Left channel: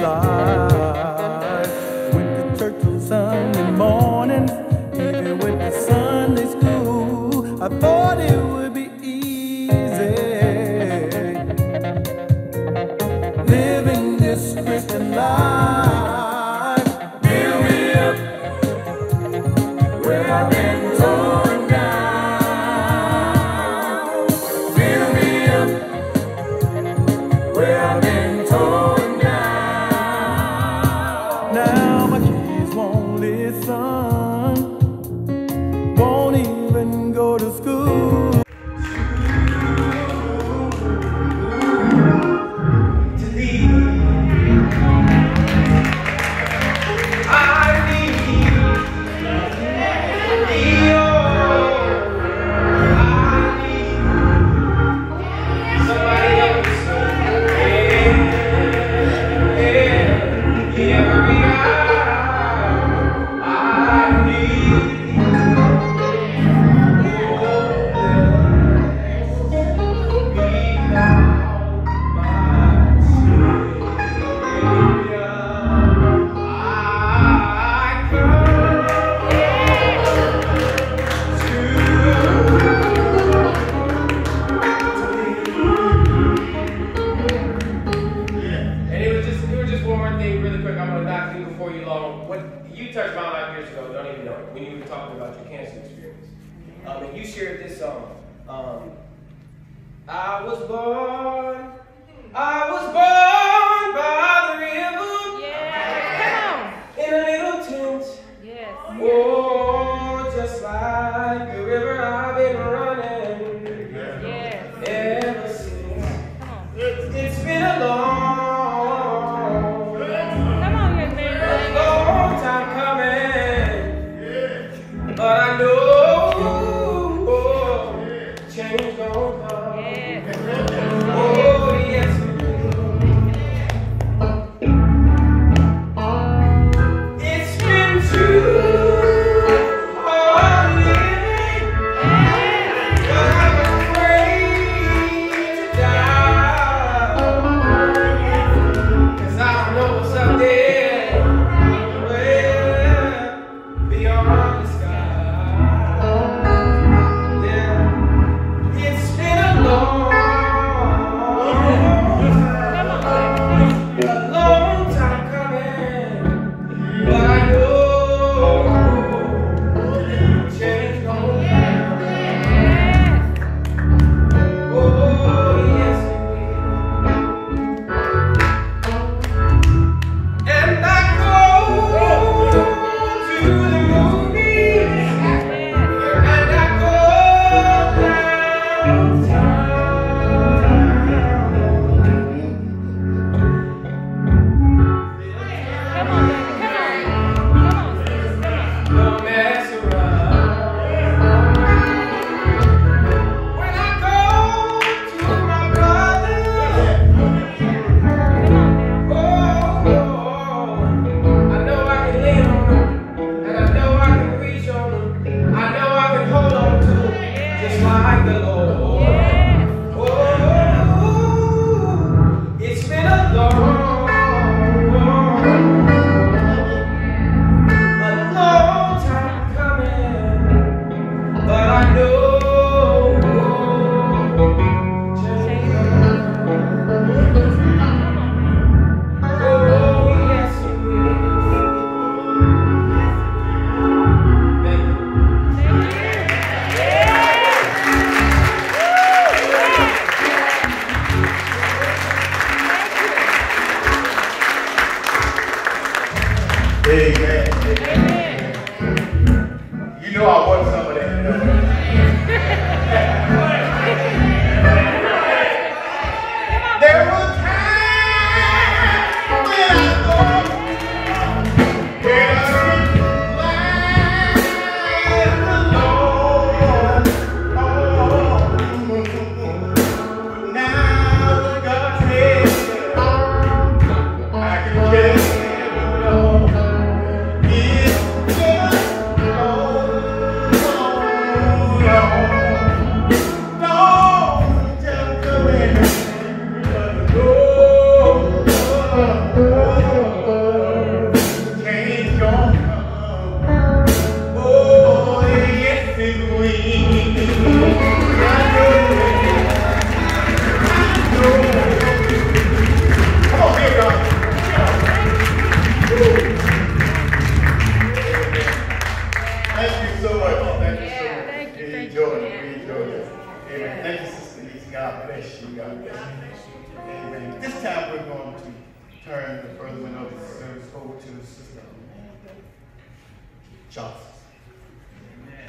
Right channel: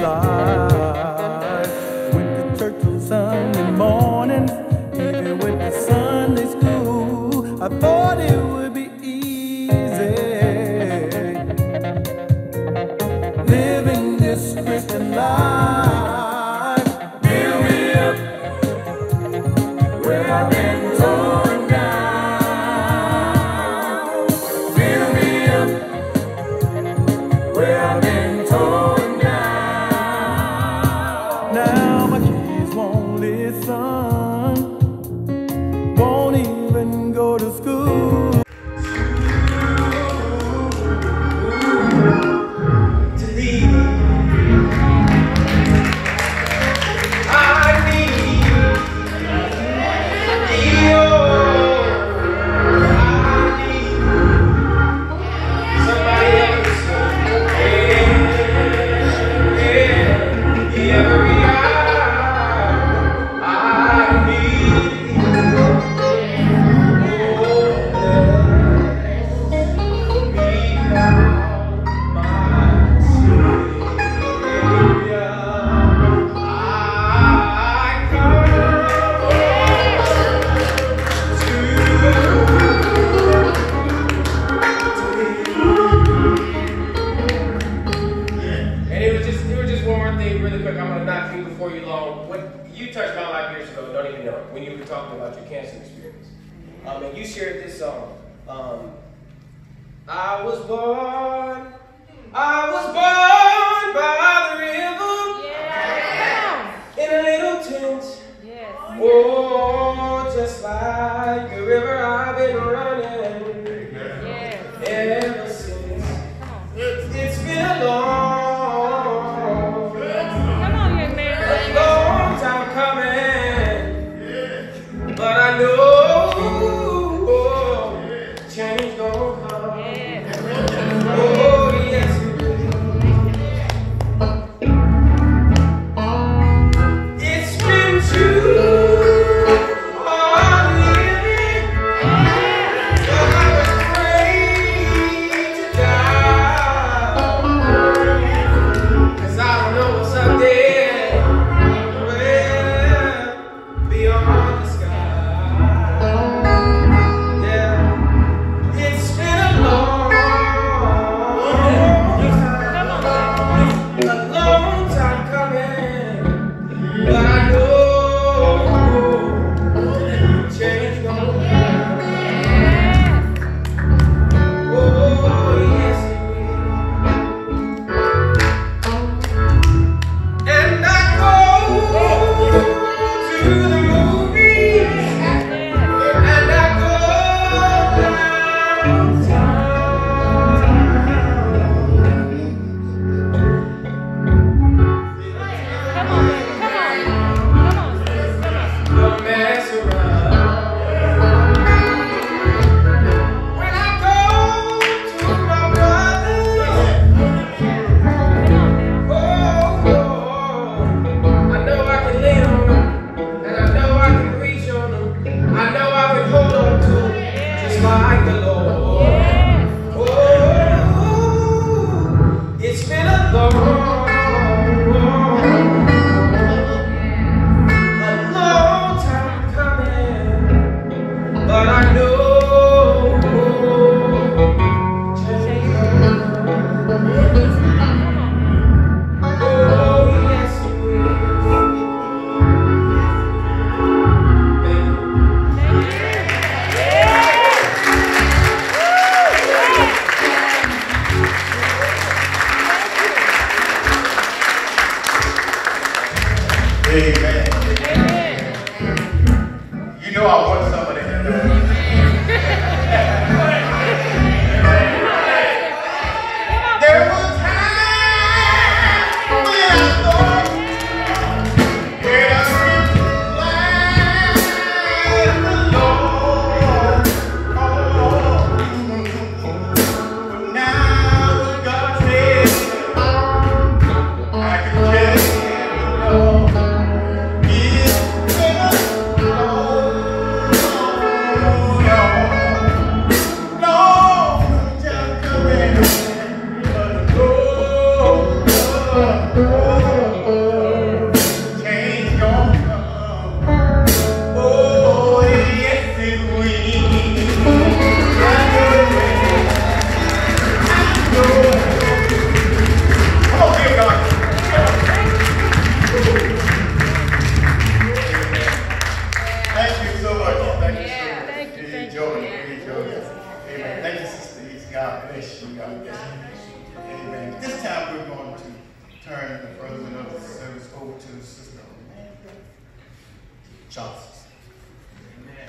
life. Went to church on Sunday morning, even went to Sunday school. I thought it would be easy living this Christian life. Build me up where I've been torn down. Build me up where I've been torn down. Now my kids won't listen, won't even go to school. You touched my life years ago, don't even know it, when you were talking about your cancer experience. And you shared this song. I was born by the river. Yeah. In a little tent. Yes. Oh, just like the river I've been running. Yes. Ever since. It's been a long time coming, but I know change don't come. Oh yes, it will. It's been too hard living, but I'm afraid to die, 'cause I don't know what's up there. Amen. You know I want something. Amen. Thank you, Sister East. God bless you. God bless you. Amen. This time we're going to turn the further of the service over to Sister Johnson. Amen.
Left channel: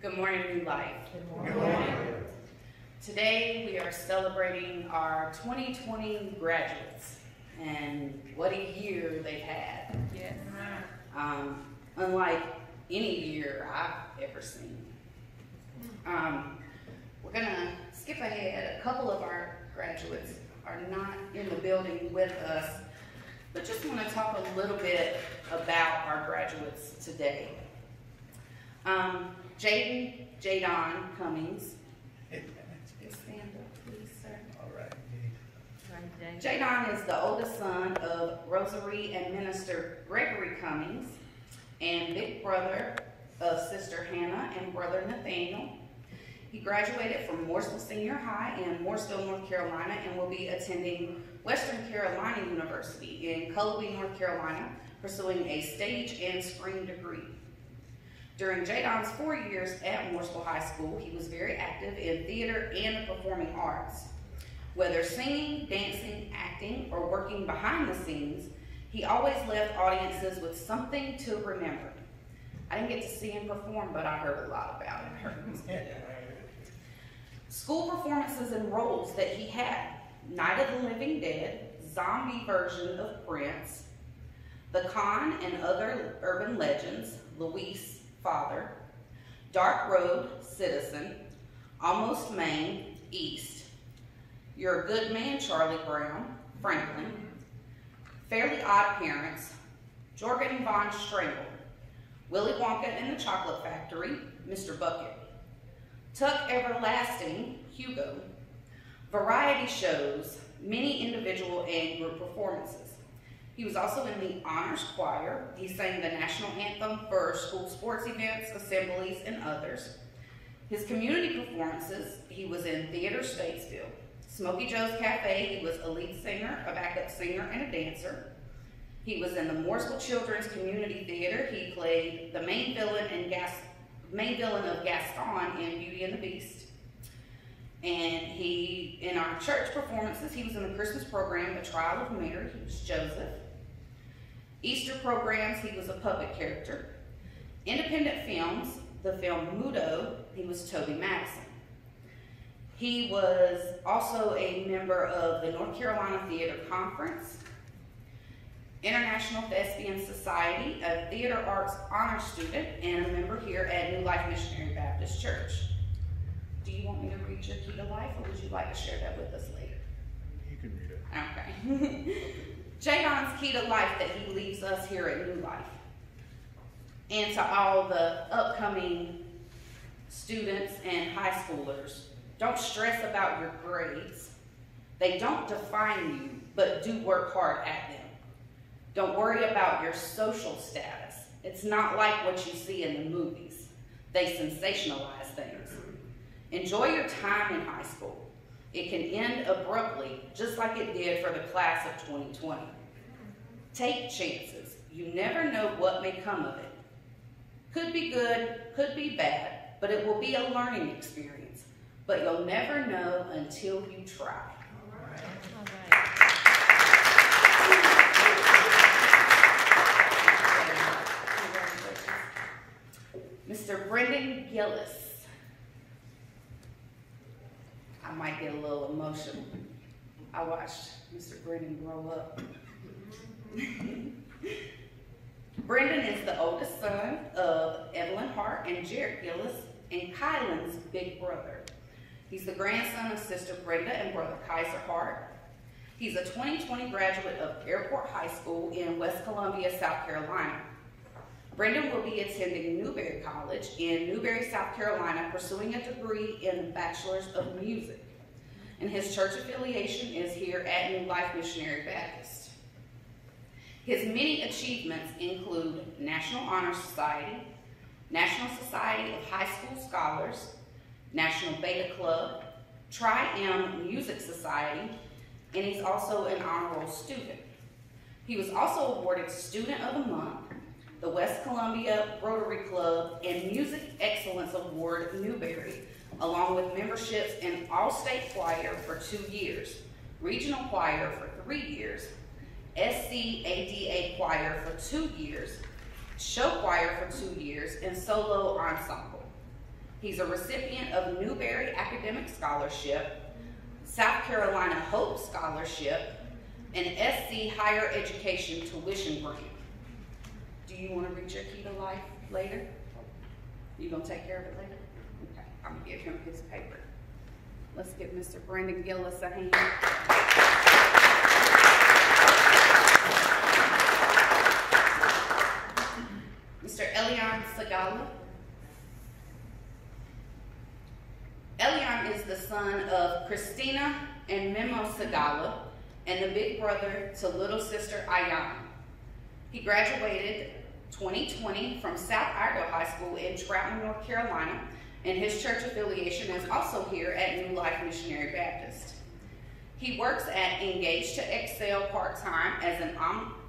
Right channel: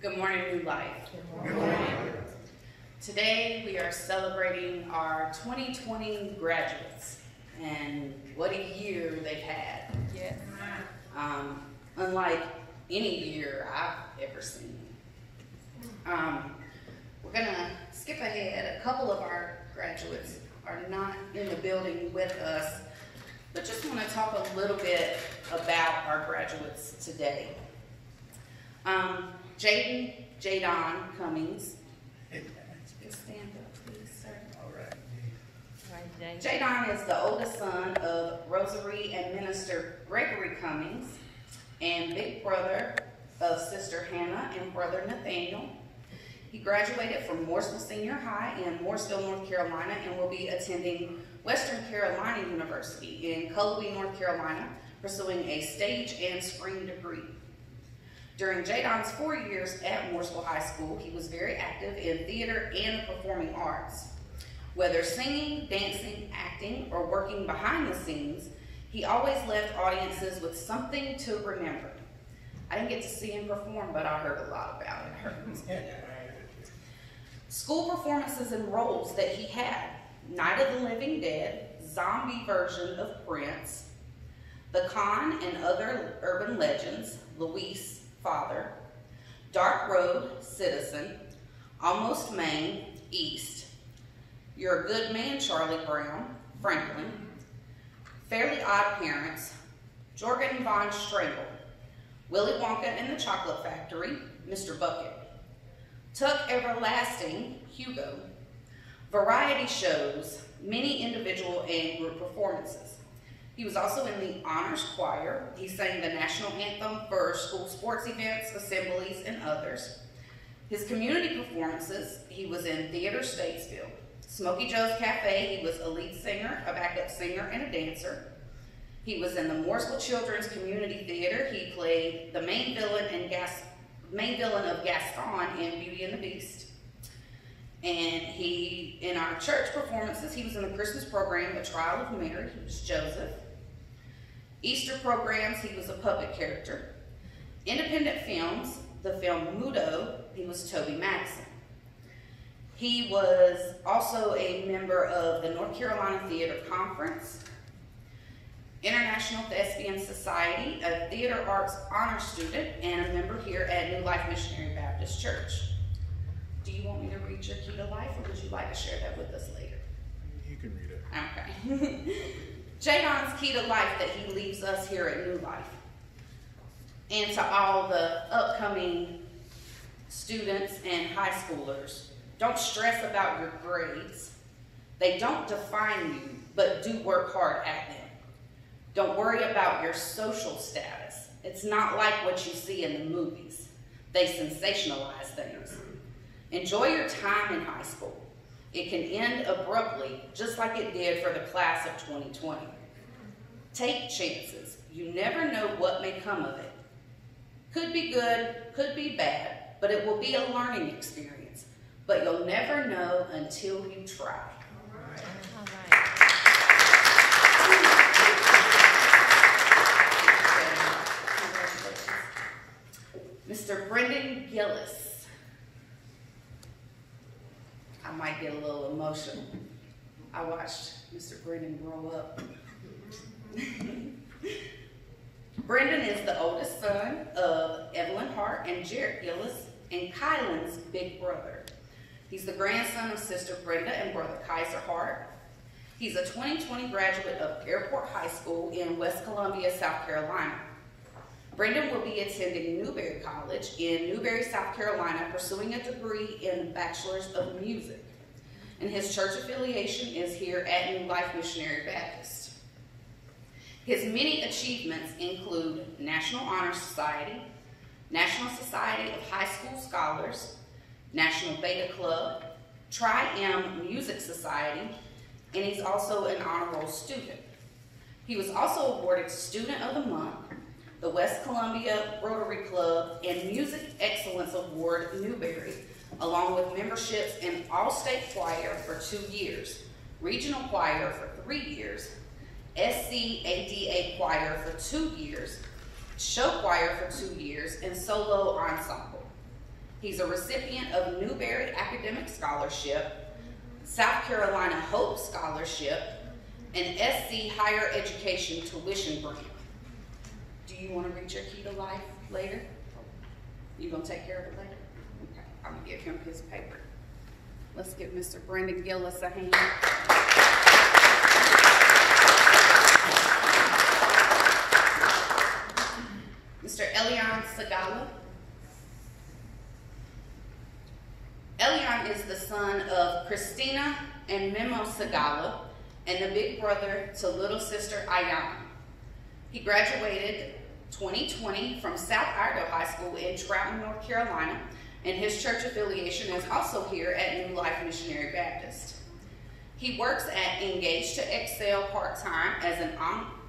Good morning, New Life. Good morning. Today we are celebrating our 2020 graduates, and what a year they've had. Yes. Unlike any year I've ever seen. We're gonna skip ahead. A couple of our graduates are not in the building with us, but just want to talk a little bit about our graduates today. Jadon Cummings. Just stand up, please, sir. All right. Jadon is the oldest son of Rosary and Minister Gregory Cummings and big brother of Sister Hannah and brother Nathaniel. He graduated from Mooresville Senior High in Mooresville, North Carolina, and will be attending Western Carolina University in Cullowhee, North Carolina, pursuing a stage and screen degree. During Jadon's 4 years at Mooresville High School, he was very active in theater and the performing arts. Whether singing, dancing, acting, or working behind the scenes, he always left audiences with something to remember. I didn't get to see him perform, but I heard a lot about it. I heard it was good. School performances and roles that he had: Night of the Living Dead, zombie version of Prince, The Con and Other Urban Legends, Luis, Father, Dark Road, Citizen, Almost Maine, East, You're a Good Man, Charlie Brown, Franklin, Fairly Odd Parents, Jorgen von Strangle, Willy Wonka and the Chocolate Factory, Mr. Bucket, Tuck Everlasting, Hugo, variety shows, many individual and group performances. He was also in the honors choir. He sang the national anthem for school sports events, assemblies, and others. His community performances, he was in Theater Statesville. Smokey Joe's Cafe, he was a lead singer, a backup singer, and a dancer. He was in the Mooresville Children's Community Theater. He played the main villain of Gaston in Beauty and the Beast. And in our church performances, he was in the Christmas program, The Trial of Mary. He was Joseph. Easter programs, he was a puppet character. Independent films, the film Mudo, he was Toby Madison. He was also a member of the North Carolina Theater Conference, International Thespian Society, a theater arts honor student, and a member here at New Life Missionary Baptist Church. Do you want me to read your key to life, or would you like to share that with us later? You can read it. Okay. Jadon's key to life that he leaves us here at New Life, and to all the upcoming students and high schoolers: don't stress about your grades. They don't define you, but do work hard at them. Don't worry about your social status. It's not like what you see in the movies. They sensationalize things. Enjoy your time in high school. It can end abruptly, just like it did for the class of 2020. Take chances. You never know what may come of it. Could be good, could be bad, but it will be a learning experience. But you'll never know until you try. All right. Mr. Brendan Gillis. I might get a little emotional. I watched Mr. Brendan grow up. Brendan is the oldest son of Evelyn Hart and Jared Gillis and Kylan's big brother. He's the grandson of Sister Brenda and brother Kaiser Hart. He's a 2020 graduate of Airport High School in West Columbia, South Carolina. Brendan will be attending Newberry College in Newberry, South Carolina, pursuing a degree in Bachelor's of Music. And his church affiliation is here at New Life Missionary Baptist. His many achievements include National Honor Society, National Society of High School Scholars, National Beta Club, Tri-M Music Society, and he's also an honor roll student. He was also awarded Student of the Month, the West Columbia Rotary Club, and Music Excellence Award Newberry, along with memberships in All-State Choir for 2 years, Regional Choir for 3 years, SCADA Choir for 2 years, Show Choir for 2 years, and Solo Ensemble. He's a recipient of Newberry Academic Scholarship, South Carolina Hope Scholarship, and SC Higher Education Tuition Grant. Do you want to reach your key to life later? You gonna take care of it later? Okay, I'm gonna give him his paper. Let's give Mr. Brendan Gillis a hand. Mr. Elion Sagala. Elion is the son of Christina and Memo Sagala and the big brother to little sister Ayana. He graduated 2020 from South Iredell High School in Troutman, North Carolina, and his church affiliation is also here at New Life Missionary Baptist. He works at Engage to Excel part-time as an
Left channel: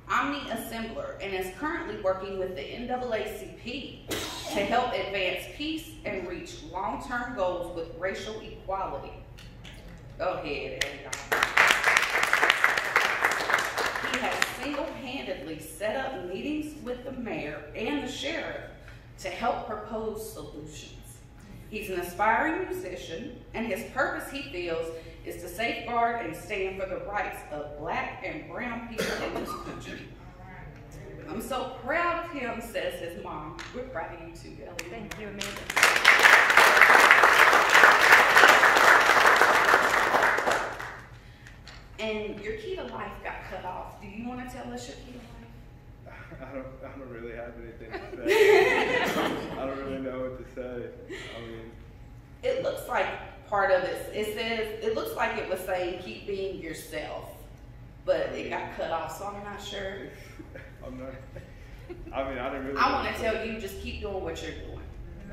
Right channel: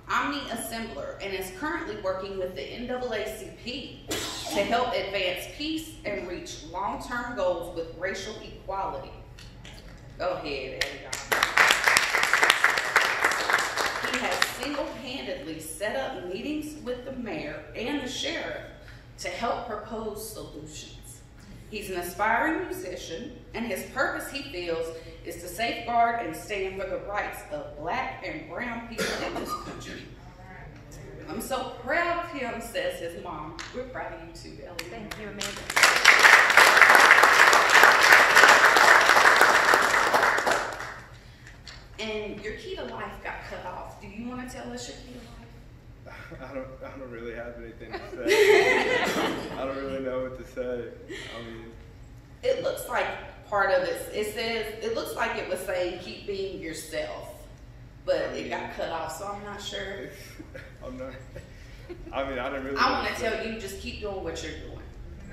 omni-assembler and is currently working with the NAACP to help advance peace and reach long-term goals with racial equality. Go ahead, Elion. He has single-handedly set up meetings with the mayor and the sheriff to help propose solutions. He's an aspiring musician, and his purpose, he feels, is to safeguard and stand for the rights of Black and brown people in this country. I'm so proud of him, says his mom. We're proud of you too, Ellie. Thank you, Amanda. And your key to life got cut off. Do you want to tell us your key to life? I don't really have anything to say. I don't really know what to say. I mean, it looks like part of it. It says it looks like it was saying keep being yourself, but it got cut off, so I'm not sure. I'm not. I mean, I didn't really. I want to tell you, just keep doing what you're doing.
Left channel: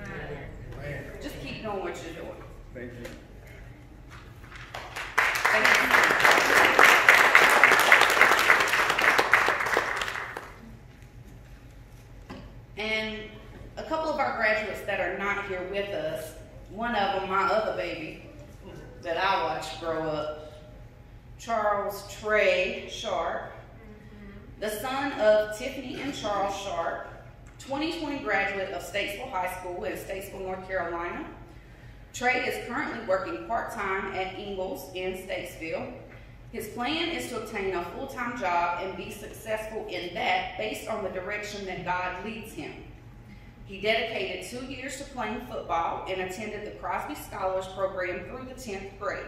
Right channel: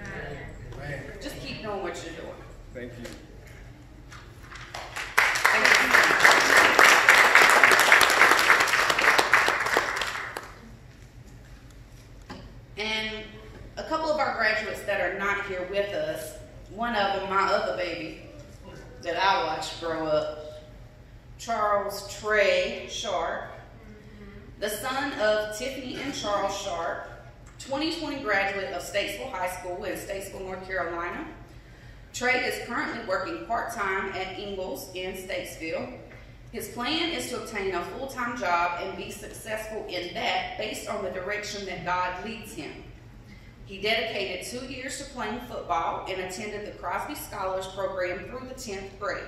Amen. Just keep doing what you're doing. Thank you. Thank you. And a couple of our graduates that are not here with us, one of them, my other baby, that I watched grow up, Charles Trey Sharp, the son of Tiffany and Charles Sharp, 2020 graduate of Statesville High School in Statesville, North Carolina. Trey is currently working part-time at Ingalls in Statesville. His plan is to obtain a full-time job and be successful in that based on the direction that God leads him. He dedicated 2 years to playing football and attended the Crosby Scholars Program through the 10th grade.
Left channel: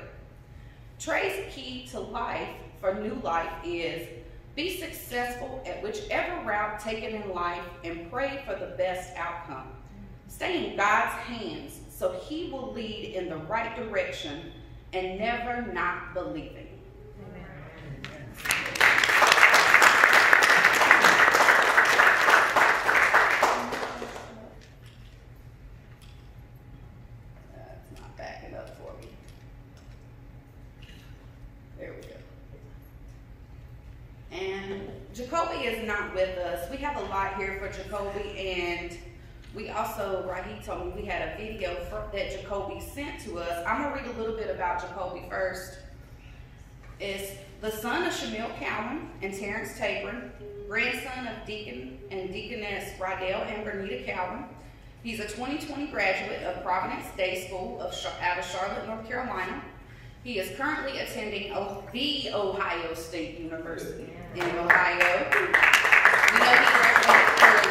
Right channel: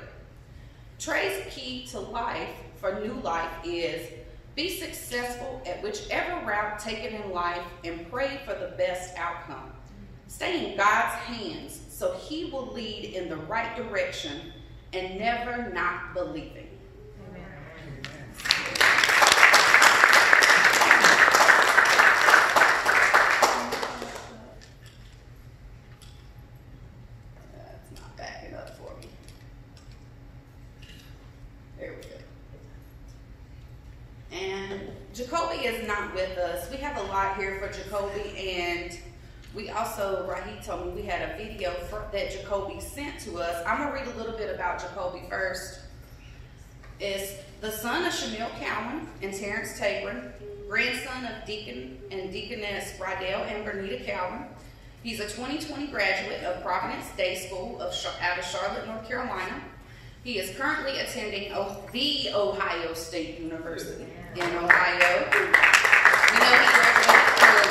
Trey's key to life for New Life is be successful at whichever route taken in life and pray for the best outcome. Stay in God's hands so he will lead in the right direction and never not believing. That's not backing up for me. There we go. And Jacoby is not with us. We have a lot here for Jacoby, and We also, Raheem told me we had a video that Jacoby sent to us. I'm gonna read a little bit about Jacoby first. Is the son of Shamil Cowan and Terrence Tabron, grandson of Deacon and Deaconess Rydell and Bernita Cowan. He's a 2020 graduate of Providence Day School out of Charlotte, North Carolina. He is currently attending the Ohio State University in Ohio. We know he graduated early.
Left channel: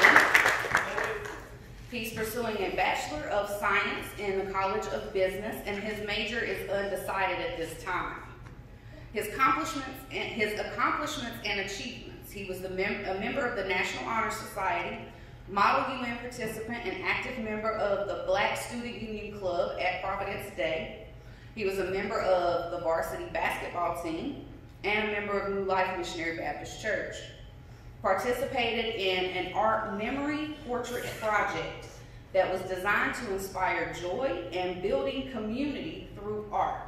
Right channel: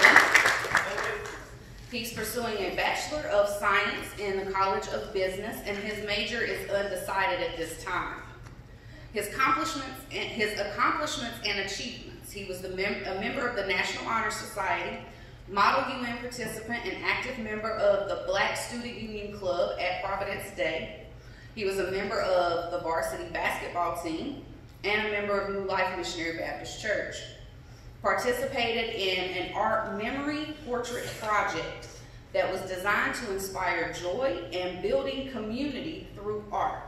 He's pursuing a Bachelor of Science in the College of Business, and his major is undecided at this time. His accomplishments and achievements. He was a member of the National Honor Society, Model UN participant and active member of the Black Student Union Club at Providence Day. He was a member of the varsity basketball team and a member of New Life Missionary Baptist Church. Participated in an art memory portrait project that was designed to inspire joy and building community through art.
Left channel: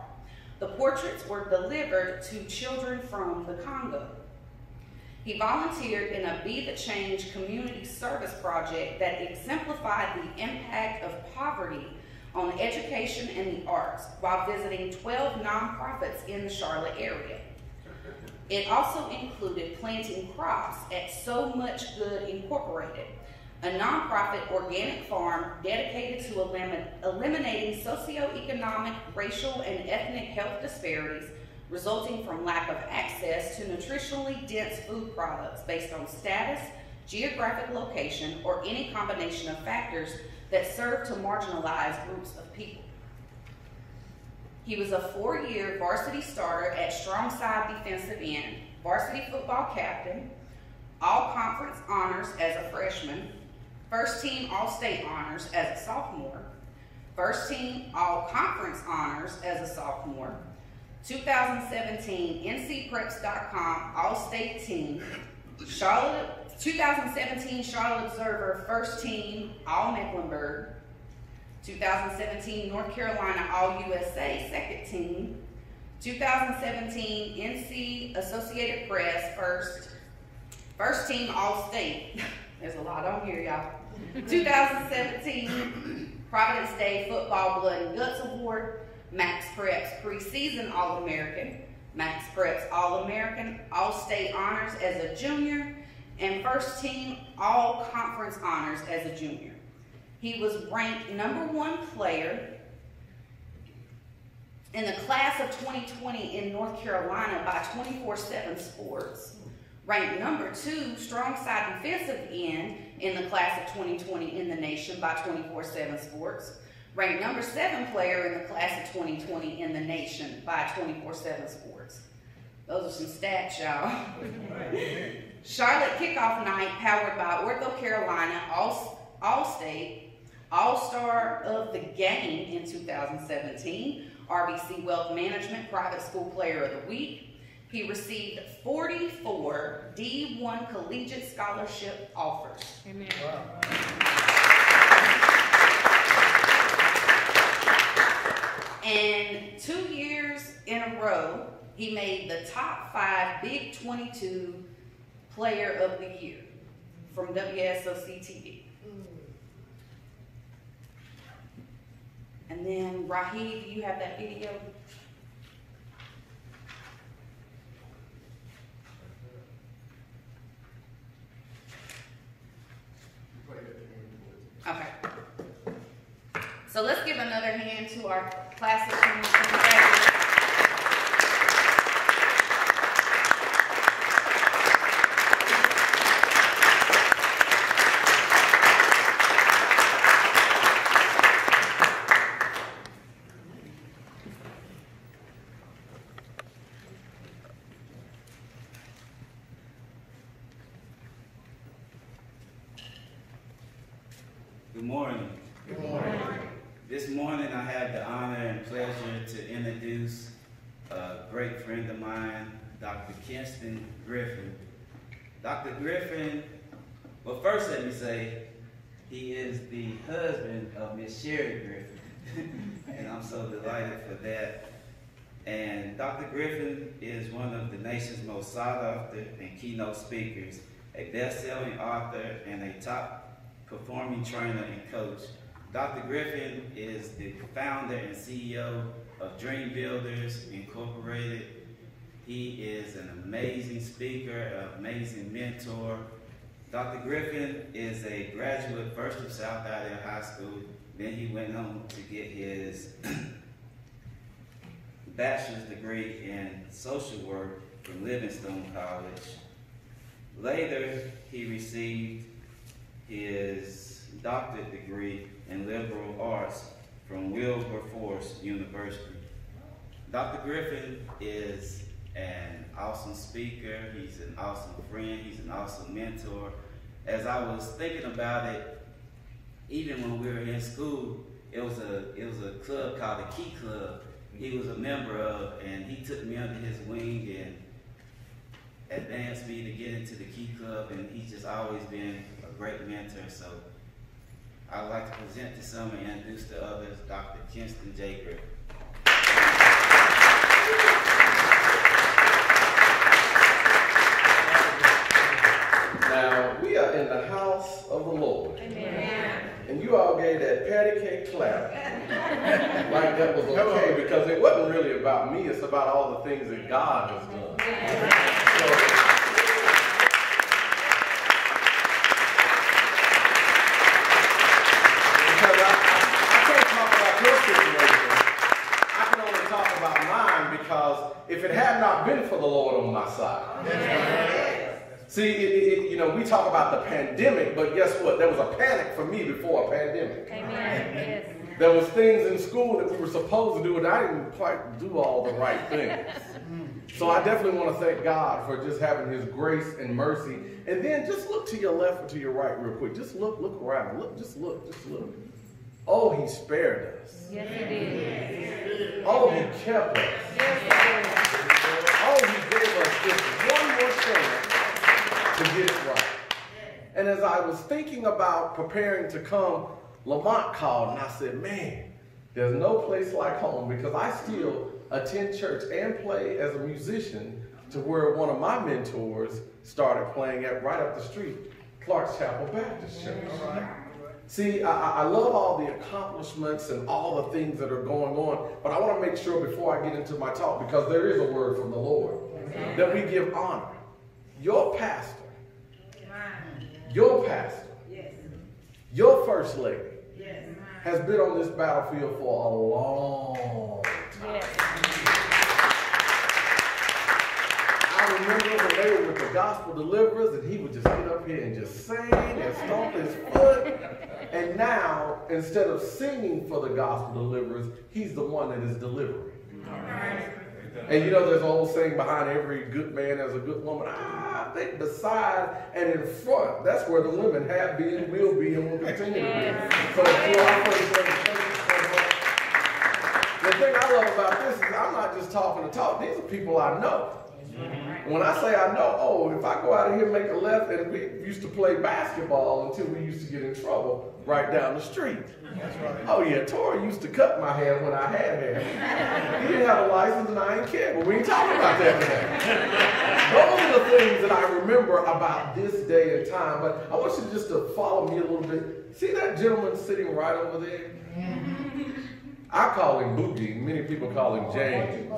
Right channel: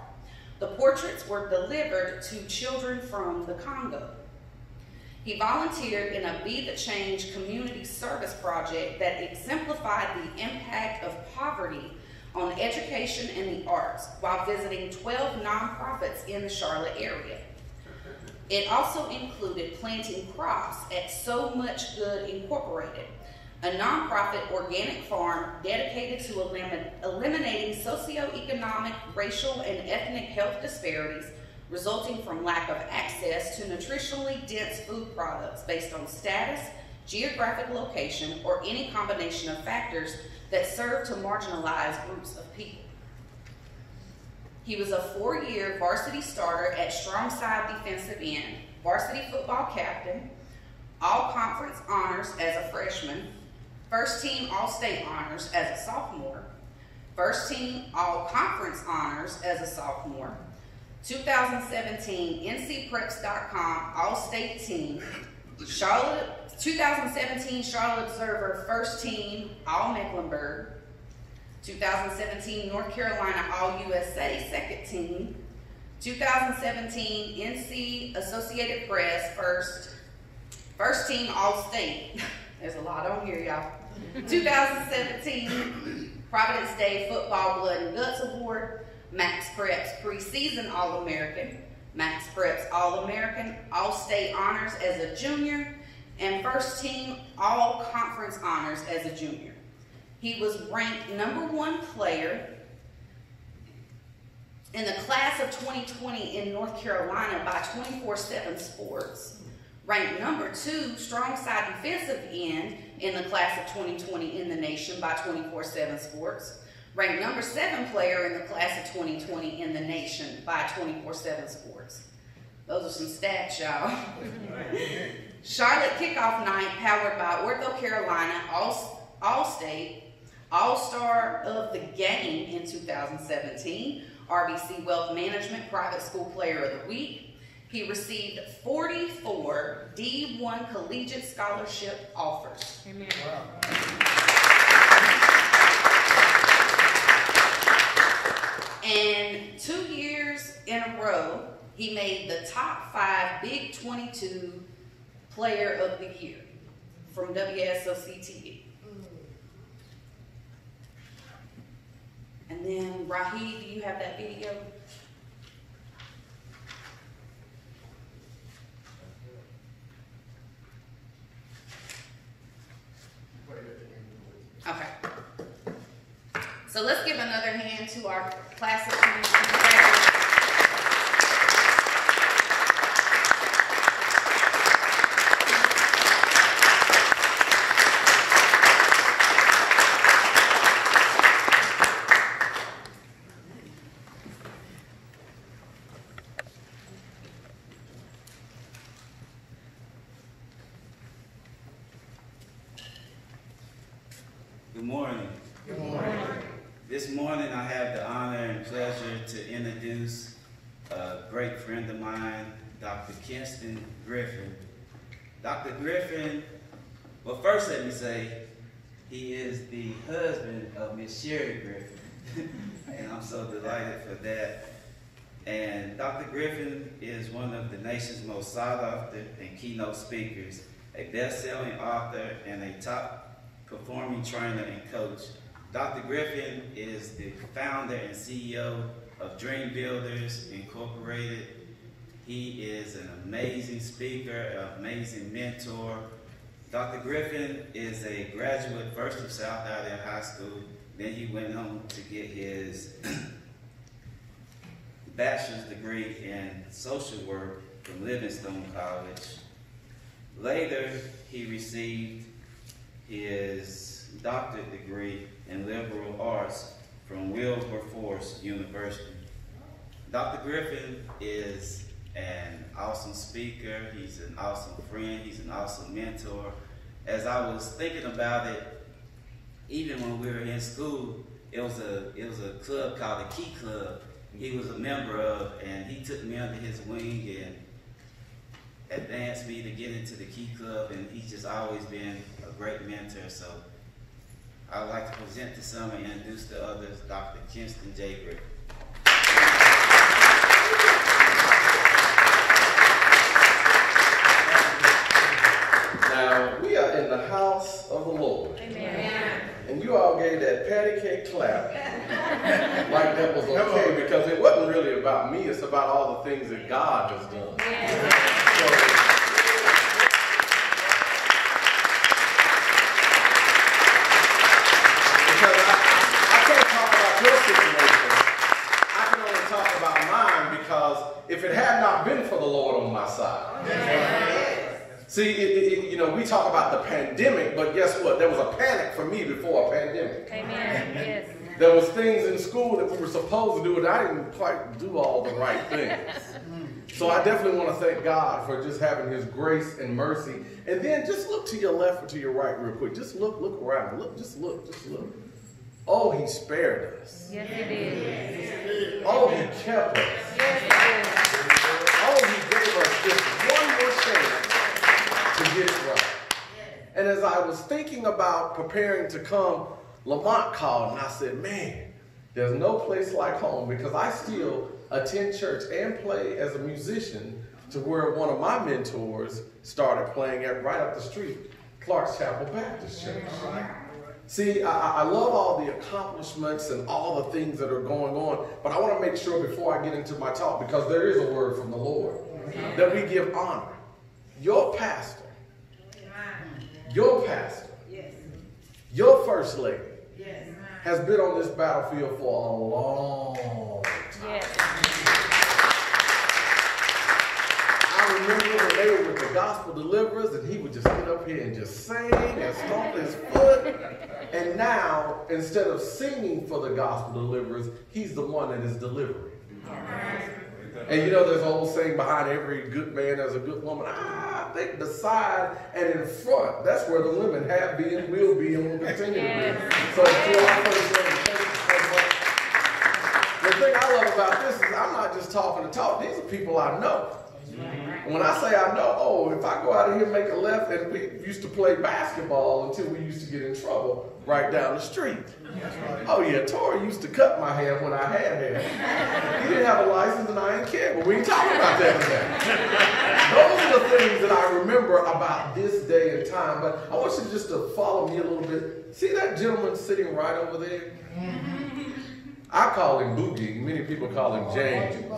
The portraits were delivered to children from the Congo. He volunteered in a Be the Change community service project that exemplified the impact of poverty on education and the arts while visiting 12 nonprofits in the Charlotte area. It also included planting crops at So Much Good Incorporated, a nonprofit organic farm dedicated to eliminating socioeconomic, racial, and ethnic health disparities resulting from lack of access to nutritionally dense food products based on status, geographic location, or any combination of factors that serve to marginalize groups of people. He was a 4-year varsity starter at strong side defensive end, varsity football captain, all-conference honors as a freshman, first-team all-state honors as a sophomore, first-team all-conference honors as a sophomore, 2017 NCPreps.com All-State Team, 2017 Charlotte Observer First Team All-Mecklenburg, 2017 North Carolina All-USA Second Team, 2017 NC Associated Press First Team All-State. There's a lot on here, y'all. 2017 Providence Day Football Blood and Guts Award, Max Preps Preseason All-American, Max Preps All-American, All-State Honors as a junior, and First Team All-Conference Honors as a junior. He was ranked #1 player in the class of 2020 in North Carolina by 24/7 Sports, ranked #2 strong side defensive end in the class of 2020 in the nation by 24/7 Sports, ranked #7 player in the class of 2020 in the nation by 24/7 Sports. Those are some stats, y'all. Charlotte Kickoff Night, powered by Ortho Carolina, All-State, All-Star of the Game in 2017, RBC Wealth Management Private School Player of the Week. He received 44 D1 collegiate scholarship offers. Amen. And 2 years in a row, he made the top 5 Big 22 Player of the Year from WSOC TV. And then, Raheem, do you have that video? Okay. So let's give another hand to our classic community graduates. Good morning. Good morning. This morning I have the honor and pleasure to introduce a great friend of mine, Dr. Kenston Griffin. Dr. Griffin, well, first let me say, he is the husband of Miss Sherry Griffin, and I'm so delighted for that. And Dr. Griffin is one of the nation's most sought after and keynote speakers, a best-selling author, and a top performing trainer and coach. Dr. Griffin is the founder and CEO of Dream Builders Incorporated. He is an amazing speaker, an amazing mentor. Dr. Griffin is a graduate first of South Idaho High School. Then he went on to get his bachelor's degree in social work from Livingstone College. Later, he received his doctorate degree in liberal arts from Wilberforce University. Dr. Griffin is an awesome speaker, he's an awesome friend, he's an awesome mentor. As I was thinking about it, even when we were in school, it was a club called the Key Club. He was a member of, and he took me under his wing and advanced me to get into the Key Club, and he's just always been a great mentor. So I'd like to present to some and introduce to others Dr. Kenston J. Griffin. Now, we are in the house of the Lord. Amen. And you all gave that patty cake clap like that was okay, because it wasn't really about me, it's about all the things that God has done. So, because I can't talk about your situation, I can only talk about mine, because if it had not been for the Lord on my side. See, you know, we talk about the pandemic, but guess what? There was a panic for me before a pandemic. Amen. Yes. There was things in school that we were supposed to do, and I didn't quite do all the right things. So I definitely want to thank God for just having his grace and mercy. And then just look to your left or to your right real quick. Just look around. Just look. Oh, he spared us. Yes, he did. Oh, he kept us. Yes, he did. Oh, he gave us just one more chance to get it right. And as I was thinking about preparing to come, Lamont called and I said, man, there's no place like home, because I still attend church and play as a musician to where one of my mentors started playing at right up the street, Clark's Chapel Baptist Church. See, I love all the accomplishments and all the things that are going on, but I want to make sure before I get into my talk, because there is a word from the Lord, that we give honor. Your pastor, your first lady, has been on this battlefield for a long time. Yes. I remember when they were with the gospel deliverers, and he would just get up here and just sing and stomp his foot. And now, instead of singing for the gospel deliverers, he's the one that is delivering. And you know, there's an old saying, behind every good man there's a good woman. I think beside and in front, that's where the women have been, will be, and will continue to be. So to our first lady, thank you so much. The thing I love about this is I'm not just talking to talk. These are people I know. When I say I know, oh, if I go out of here and make a left, and we used to play basketball until we used to get in trouble right down the street. Oh yeah, Tori used to cut my hair when I had hair. He didn't have a license and I didn't care, but we ain't talking about that today. Those are the things that I remember about this day and time, but I want you just to follow me a little bit. See that gentleman sitting right over there? I call him Boogie, many people call him James.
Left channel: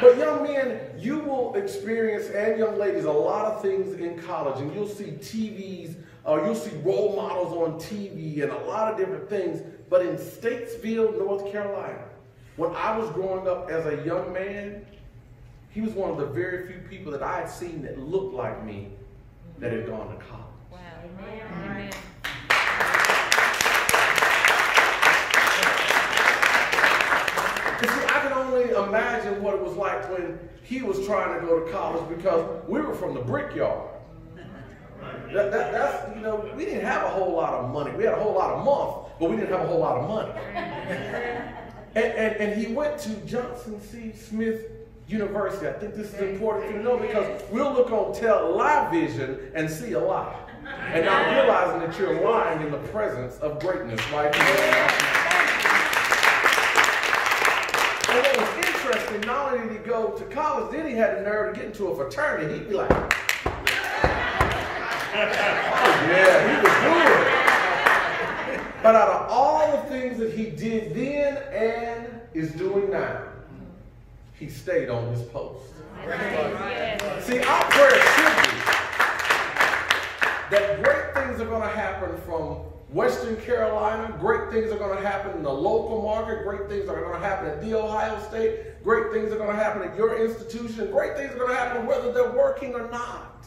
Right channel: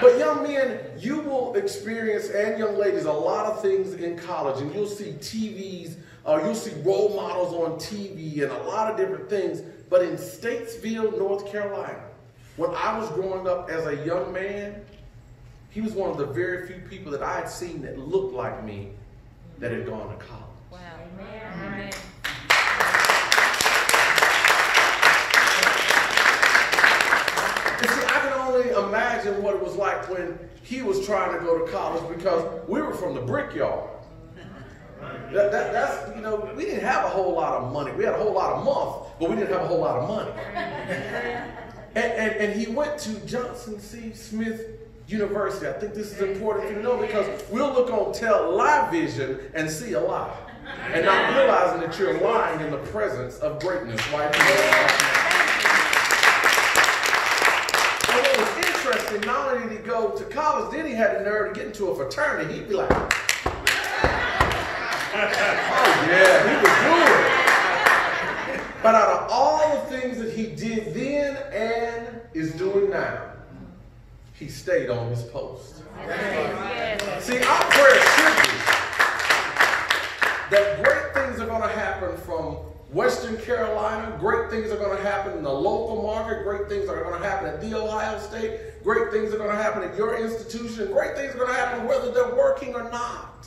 But young men, you will experience, and young ladies, a lot of things in college, and you'll see TVs, you'll see role models on TV and a lot of different things. But in Statesville, North Carolina, when I was growing up as a young man, he was one of the very few people that I had seen that looked like me that had gone to college. Wow. Amen. You see, I can only imagine what it was like when he was trying to go to college, because we were from the brickyard. That's, you know, we didn't have a whole lot of money. We had a whole lot of month, but we didn't have a whole lot of money. And he went to Johnson C. Smith University. I think this is important for you to know, because we'll look on television and see a lie, and not realizing that you're lying in the presence of greatness right here. And what was interesting, not only did he go to college, then he had the nerve to get into a fraternity. He'd be like, Oh yeah, he was good. But out of all the things that he did then and is doing now, he stayed on his post. Yes. See, our prayer should be that great things are going to happen from Western Carolina, great things are going to happen in the local market, great things are going to happen at The Ohio State, great things are going to happen at your institution, great things are going to happen whether they're working or not.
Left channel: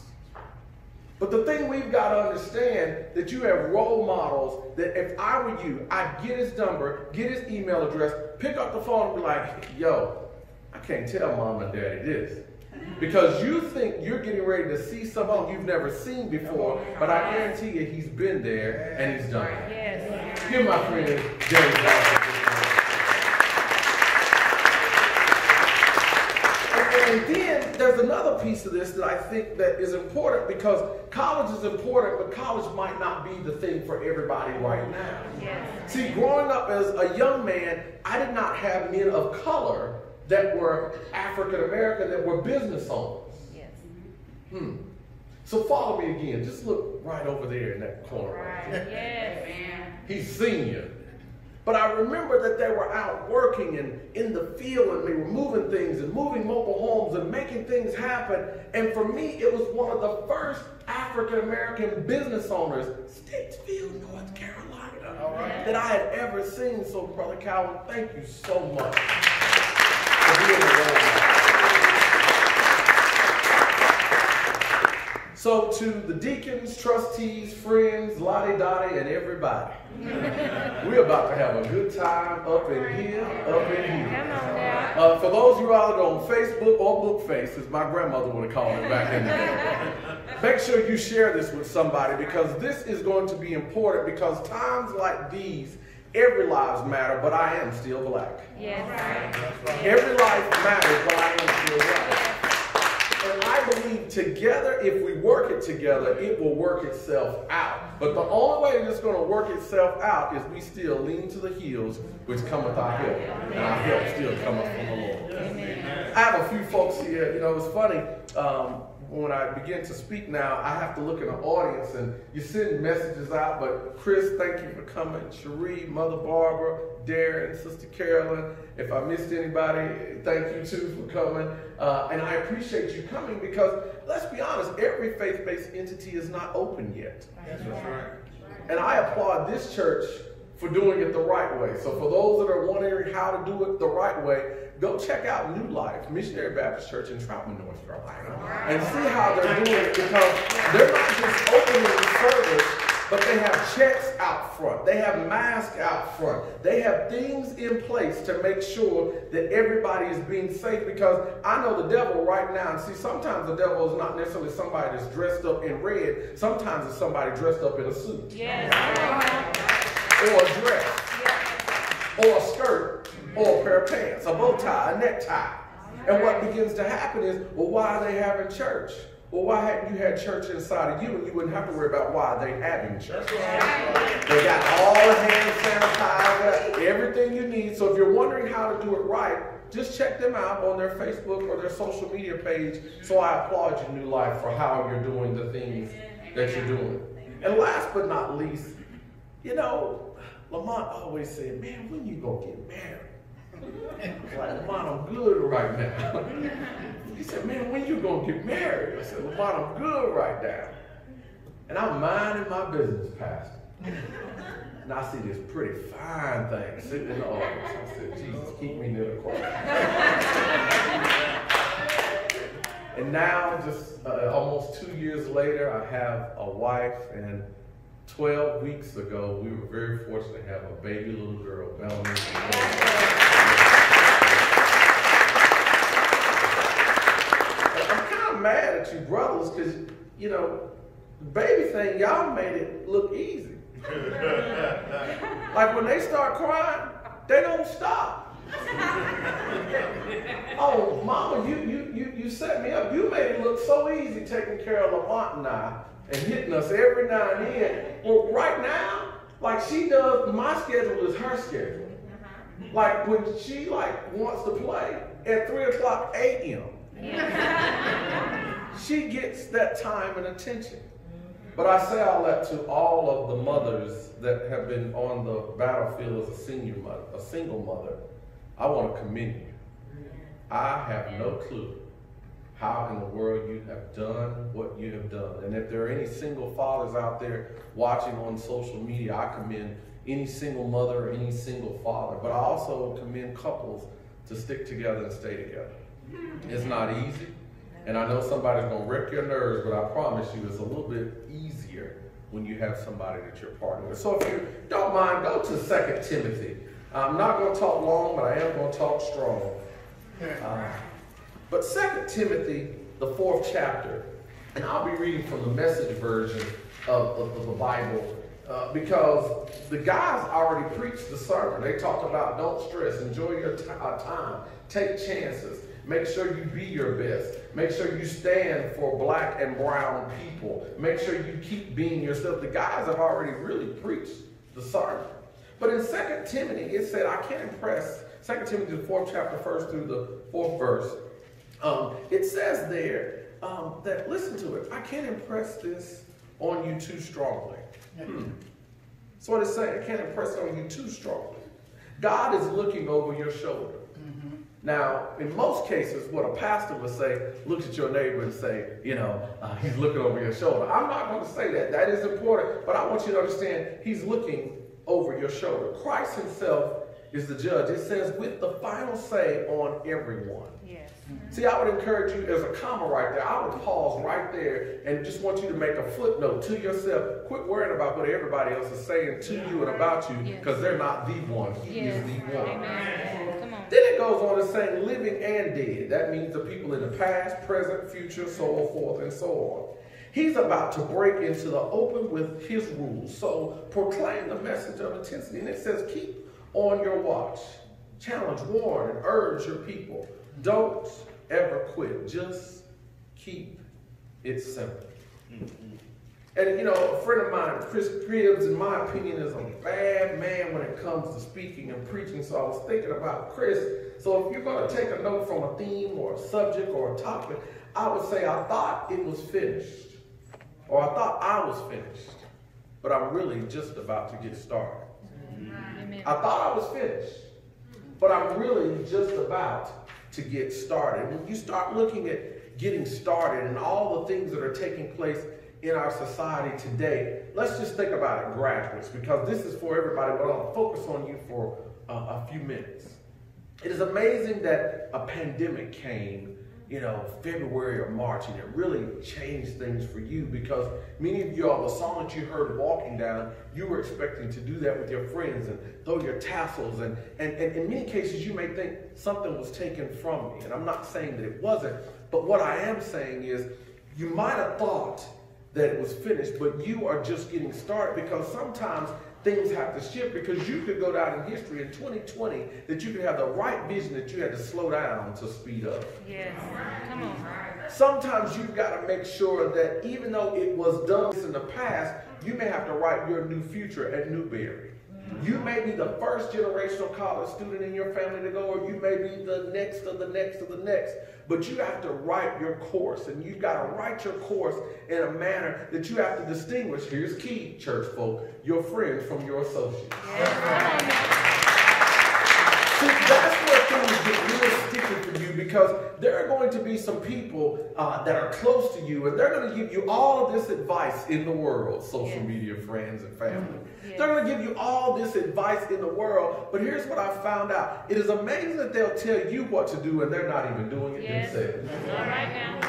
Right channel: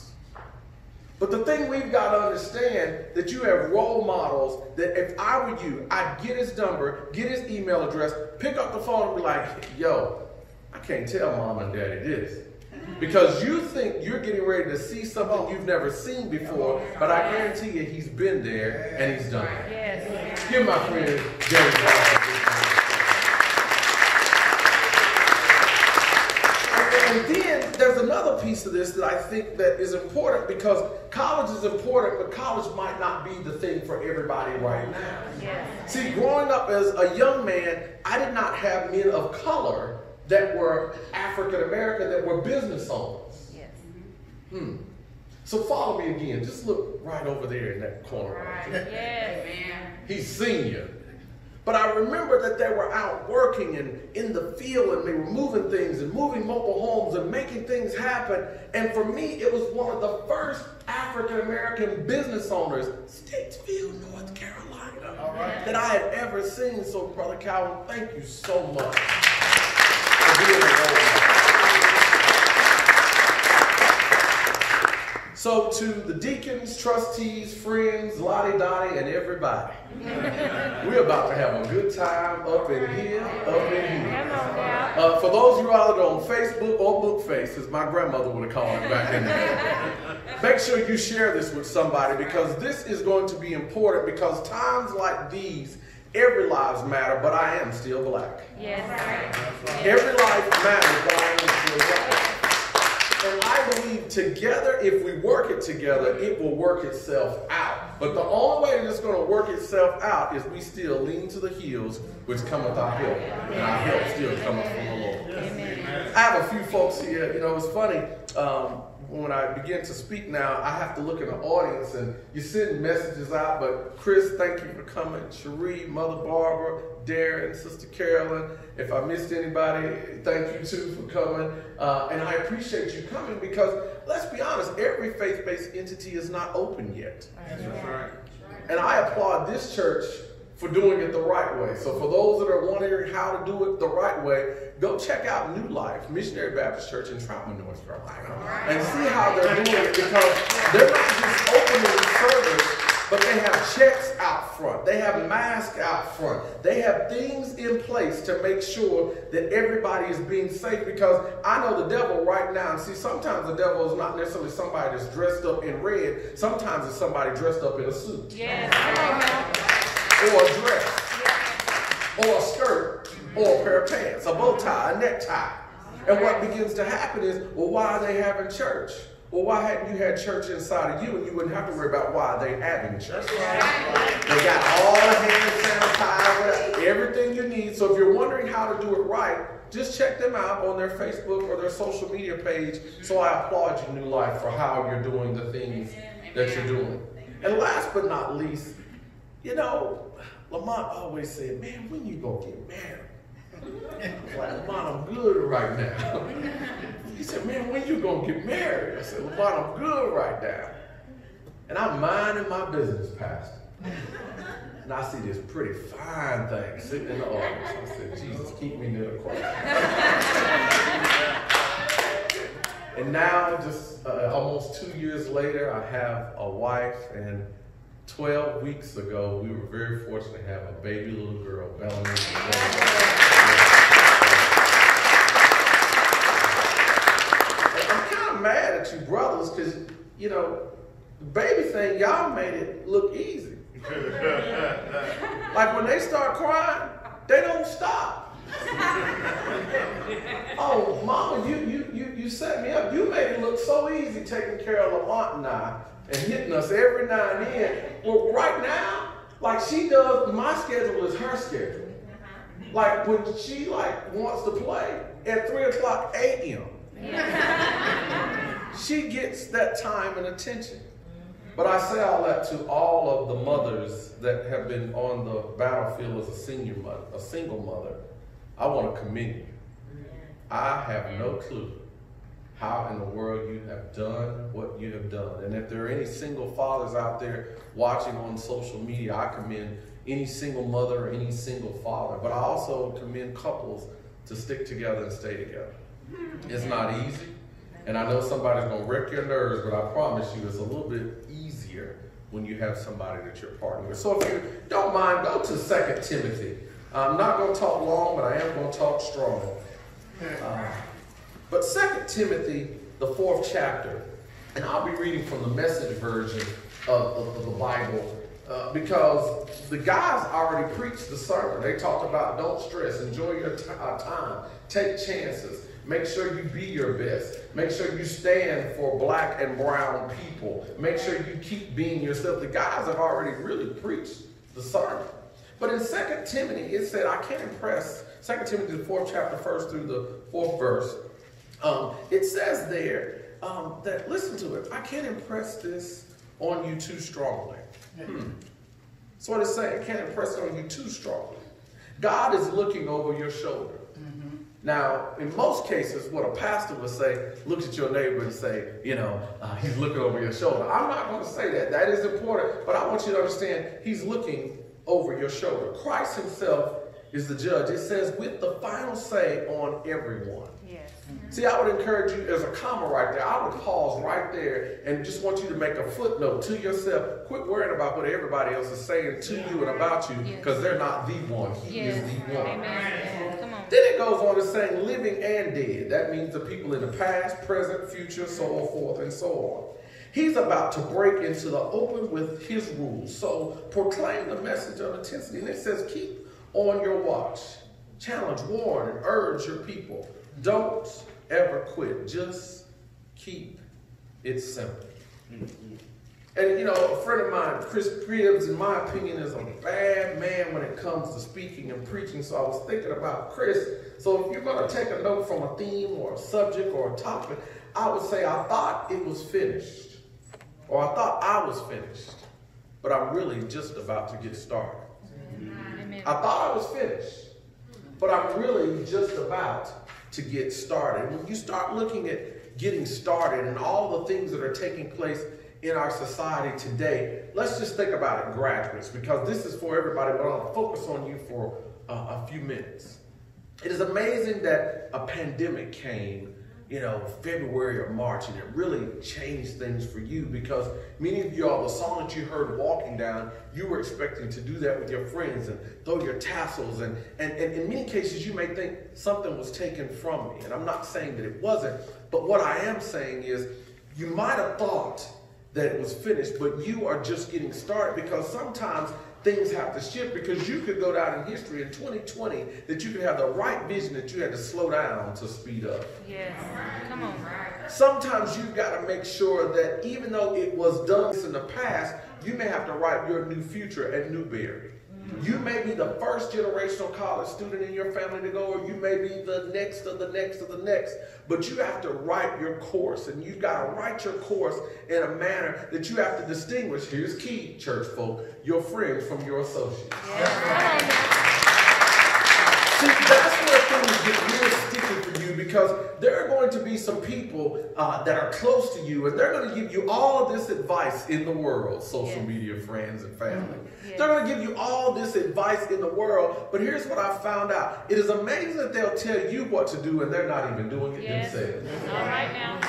But the thing we've got to understand that you have role models that if I were you, I'd get his number, get his email address, pick up the phone and be like, yo, I can't tell mom and daddy this. Because you think you're getting ready to see something you've never seen before, but I guarantee you he's been there and he's done it. Yes. Give my friend James Watson. And then there's another piece of this that I think that is important, because college is important, but college might not be the thing for everybody right now. Yes. See, growing up as a young man, I did not have men of color that were African American, that were business owners. Yes. So follow me again. Just look right over there in that corner right there. Yes. He's senior. But I remember that they were out working and in the field, and they were moving things and moving mobile homes and making things happen. And for me, it was one of the first African American business owners, Statesville, North Carolina, that I had ever seen. So Brother Calvin, thank you so much for being a role model. So to the deacons, trustees, friends, Lottie Dottie, and everybody, we're about to have a good time up in here, up in here. Come on now. For those of you out there on Facebook or Bookface, as my grandmother would have called it back in the day, make sure you share this with somebody, because this is going to be important, because times like these, every lives matter, but I am still black. Yes. Every life matters, but I am still black. And I believe together, if we work it together, it will work itself out. But the only way that it's going to work itself out is we still lean to the hills which cometh our help. And our help still cometh from the Lord. Amen. I have a few folks here. You know, it's funny. When I begin to speak now, I have to look in the audience, and you send messages out. But Chris, thank you for coming. Cherie, Mother Barbara, Darren, Sister Carolyn. If I missed anybody, thank you too for coming. And I appreciate you coming, because let's be honest, every faith-based entity is not open yet. And I applaud this church for doing it the right way. So for those that are wondering how to do it the right way, go check out New Life Missionary Baptist Church in Troutman, North Carolina, and see how they're doing it, because they're not just opening service, but they have checks out front. They have masks out front. They have things in place to make sure that everybody is being safe, because I know the devil right now, and see, sometimes the devil is not necessarily somebody that's dressed up in red. Sometimes it's somebody dressed up in a suit. Yes. Come on now. Or a dress, or a skirt, or a pair of pants, a bow tie, a necktie. And what begins to happen is, well, why are they having church? Well, why hadn't you had church inside of you, and you wouldn't have to worry about why they're having church? They got all the hand sanitizer, everything you need. So if you're wondering how to do it right, just check them out on their Facebook or their social media page. So I applaud you, New Life, for how you're doing the things that you're doing. And last but not least, you know, Lamont always said, man, when you gonna get married? I was like, Lamont, I'm good right now. He said, man, when you gonna get married? I said, Lamont, I'm good right now. And I'm minding my business, Pastor. And I see this pretty fine thing sitting in the audience. I said, Jesus, keep me near the cross. And now, just almost 2 years later, I have a wife, and 12 weeks ago, we were very fortunate to have a baby little girl, Bellamy. I'm kind of mad at you brothers, because, you know, the baby thing, y'all made it look easy. Like when they start crying, they don't stop. Oh, Mama, you set me up. You made it look so easy taking care of Lamont and I, and hitting us every now and then. Well, right now, like she does, my schedule is her schedule. Like when she wants to play at 3:00 a.m., she gets that time and attention. But I say all that to all of the mothers that have been on the battlefield as a single mother. I want to commend you. I have no clue how in the world you have done what you have done. And if there are any single fathers out there watching on social media, I commend any single mother or any single father. But I also commend couples to stick together and stay together. It's not easy. And I know somebody's going to wreck your nerves, but I promise you it's a little bit easier when you have somebody that you're partnering with. So if you don't mind, go to 2 Timothy. I'm not going to talk long, but I am going to talk strong. But 2 Timothy, the 4th chapter, and I'll be reading from the Message version of the Bible because the guys already preached the sermon. They talked about don't stress, enjoy your time, take chances, make sure you be your best, make sure you stand for black and brown people, make sure you keep being yourself. The guys have already really preached the sermon. But in 2 Timothy, it said, I can't impress, 2 Timothy, the 4th chapter, 1st through the 4th verse, it says there that, listen to it, I can't impress this on you too strongly. That's what it's saying. I can't impress it on you too strongly. God is looking over your shoulder. Now, in most cases, what a pastor would say, look at your neighbor and say, he's looking over your shoulder. I'm not going to say that. That is important. But I want you to understand, he's looking over your shoulder. Christ himself is the judge. It says, with the final say on everyone. Yes. See, I would encourage you, as a comma right there, I would pause right there and just want you to make a footnote to yourself. Quit worrying about what everybody else is saying to you and about you, because they're not the one. He is the one. Amen. Come on. Then it goes on to saying living and dead. That means the people in the past, present, future, so forth and so on. He's about to break into the open with his rules. So proclaim the message of intensity. And it says, keep on your watch. Challenge, warn, and urge your people. Don't ever quit. Just keep it simple. And a friend of mine, Chris Cribbs, in my opinion, is a bad man when it comes to speaking and preaching. So I was thinking about Chris. So if you're going to take a note from a theme or a subject or a topic, I would say I thought it was finished. Or I thought I was finished. But I'm really just about to get started. Amen. I thought I was finished. But I'm really just about to get started. When you start looking at getting started and all the things that are taking place in our society today, let's just think about it, graduates, because this is for everybody, but I'll focus on you for a few minutes. It is amazing that a pandemic came, February or March, and it really changed things for you, because many of y'all, the song that you heard walking down, you were expecting to do that with your friends and throw your tassels, and in many cases you may think something was taken from me, and I'm not saying that it wasn't, but what I am saying is you might have thought that it was finished, but you are just getting started, because sometimes things have to shift, because you could go down in history in 2020 that you could have the right vision that you had to slow down to speed up. Yes. Come on. Sometimes you've got to make sure that even though it was done in the past, you may have to write your new future at Newberry. You may be the first generational college student in your family to go, or you may be the next of the next of the next. But you have to write your course, and you've got to write your course in a manner that you have to distinguish. Here's key, church folk, your friends from your associates. Yes. Come on now. See, that's where things get real sticky for you, because there are going to be some people that are close to you, and they're going to give you all of this advice in the world, social media friends and family. They're going to give you all this advice in the world, but here's what I found out. It is amazing that they'll tell you what to do, and they're not even doing it themselves. All right now.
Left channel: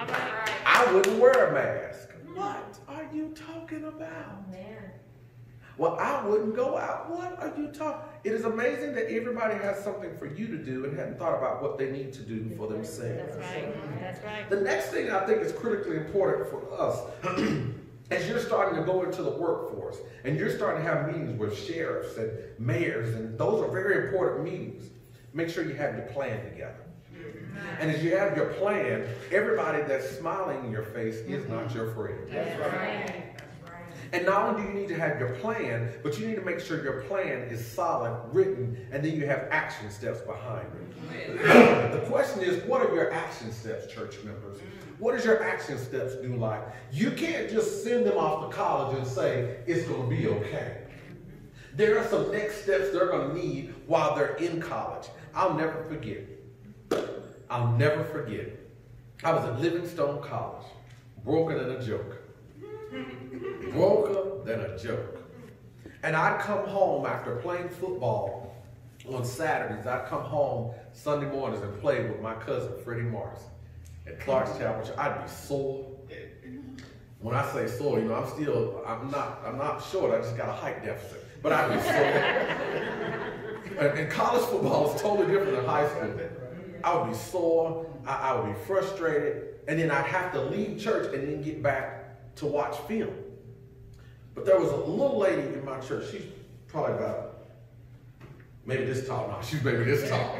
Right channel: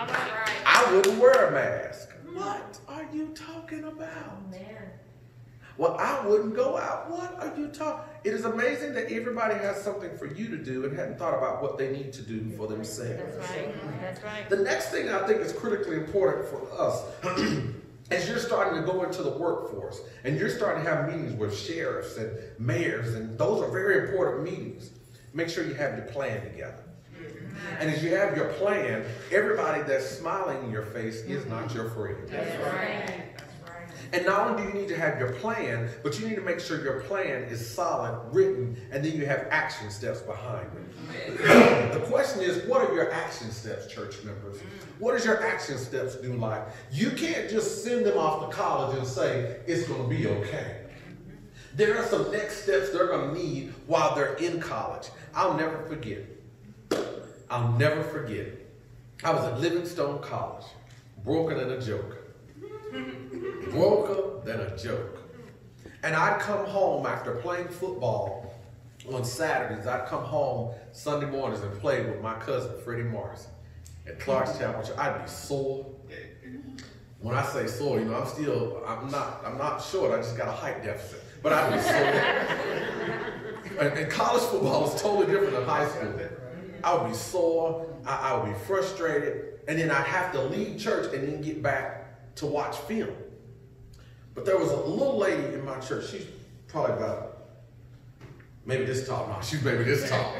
All right. I wouldn't wear a mask. What are you talking about? Well, I wouldn't go out. What are you talking? It is amazing that everybody has something for you to do and hadn't thought about what they need to do for themselves. That's right. That's right. The next thing I think is critically important for us as you're starting to go into the workforce and you're starting to have meetings with sheriffs and mayors, and those are very important meetings. Make sure you have your plan together. And as you have your plan, everybody that's smiling in your face is not your friend. Yes. And not only do you need to have your plan, but you need to make sure your plan is solid, written, and then you have action steps behind it. The question is, what are your action steps, church members? What does your action steps do like? You can't just send them off to college and say, it's going to be okay. There are some next steps they're going to need while they're in college. I'll never forget. I'll never forget. I was at Livingstone College, broker than a joke. Broker than a joke. And I'd come home after playing football on Saturdays. I'd come home Sunday mornings and play with my cousin, Freddie Morris, at Clark's Chapel. I'd be sore. When I say sore, you know, I'm not short. I just got a height deficit. But I'd be sore. And college football is totally different than high school. I would be sore. I would be frustrated. And then I'd have to leave church and then get back to watch film. But there was a little lady in my church. She's probably about maybe this tall. No, she's maybe this tall.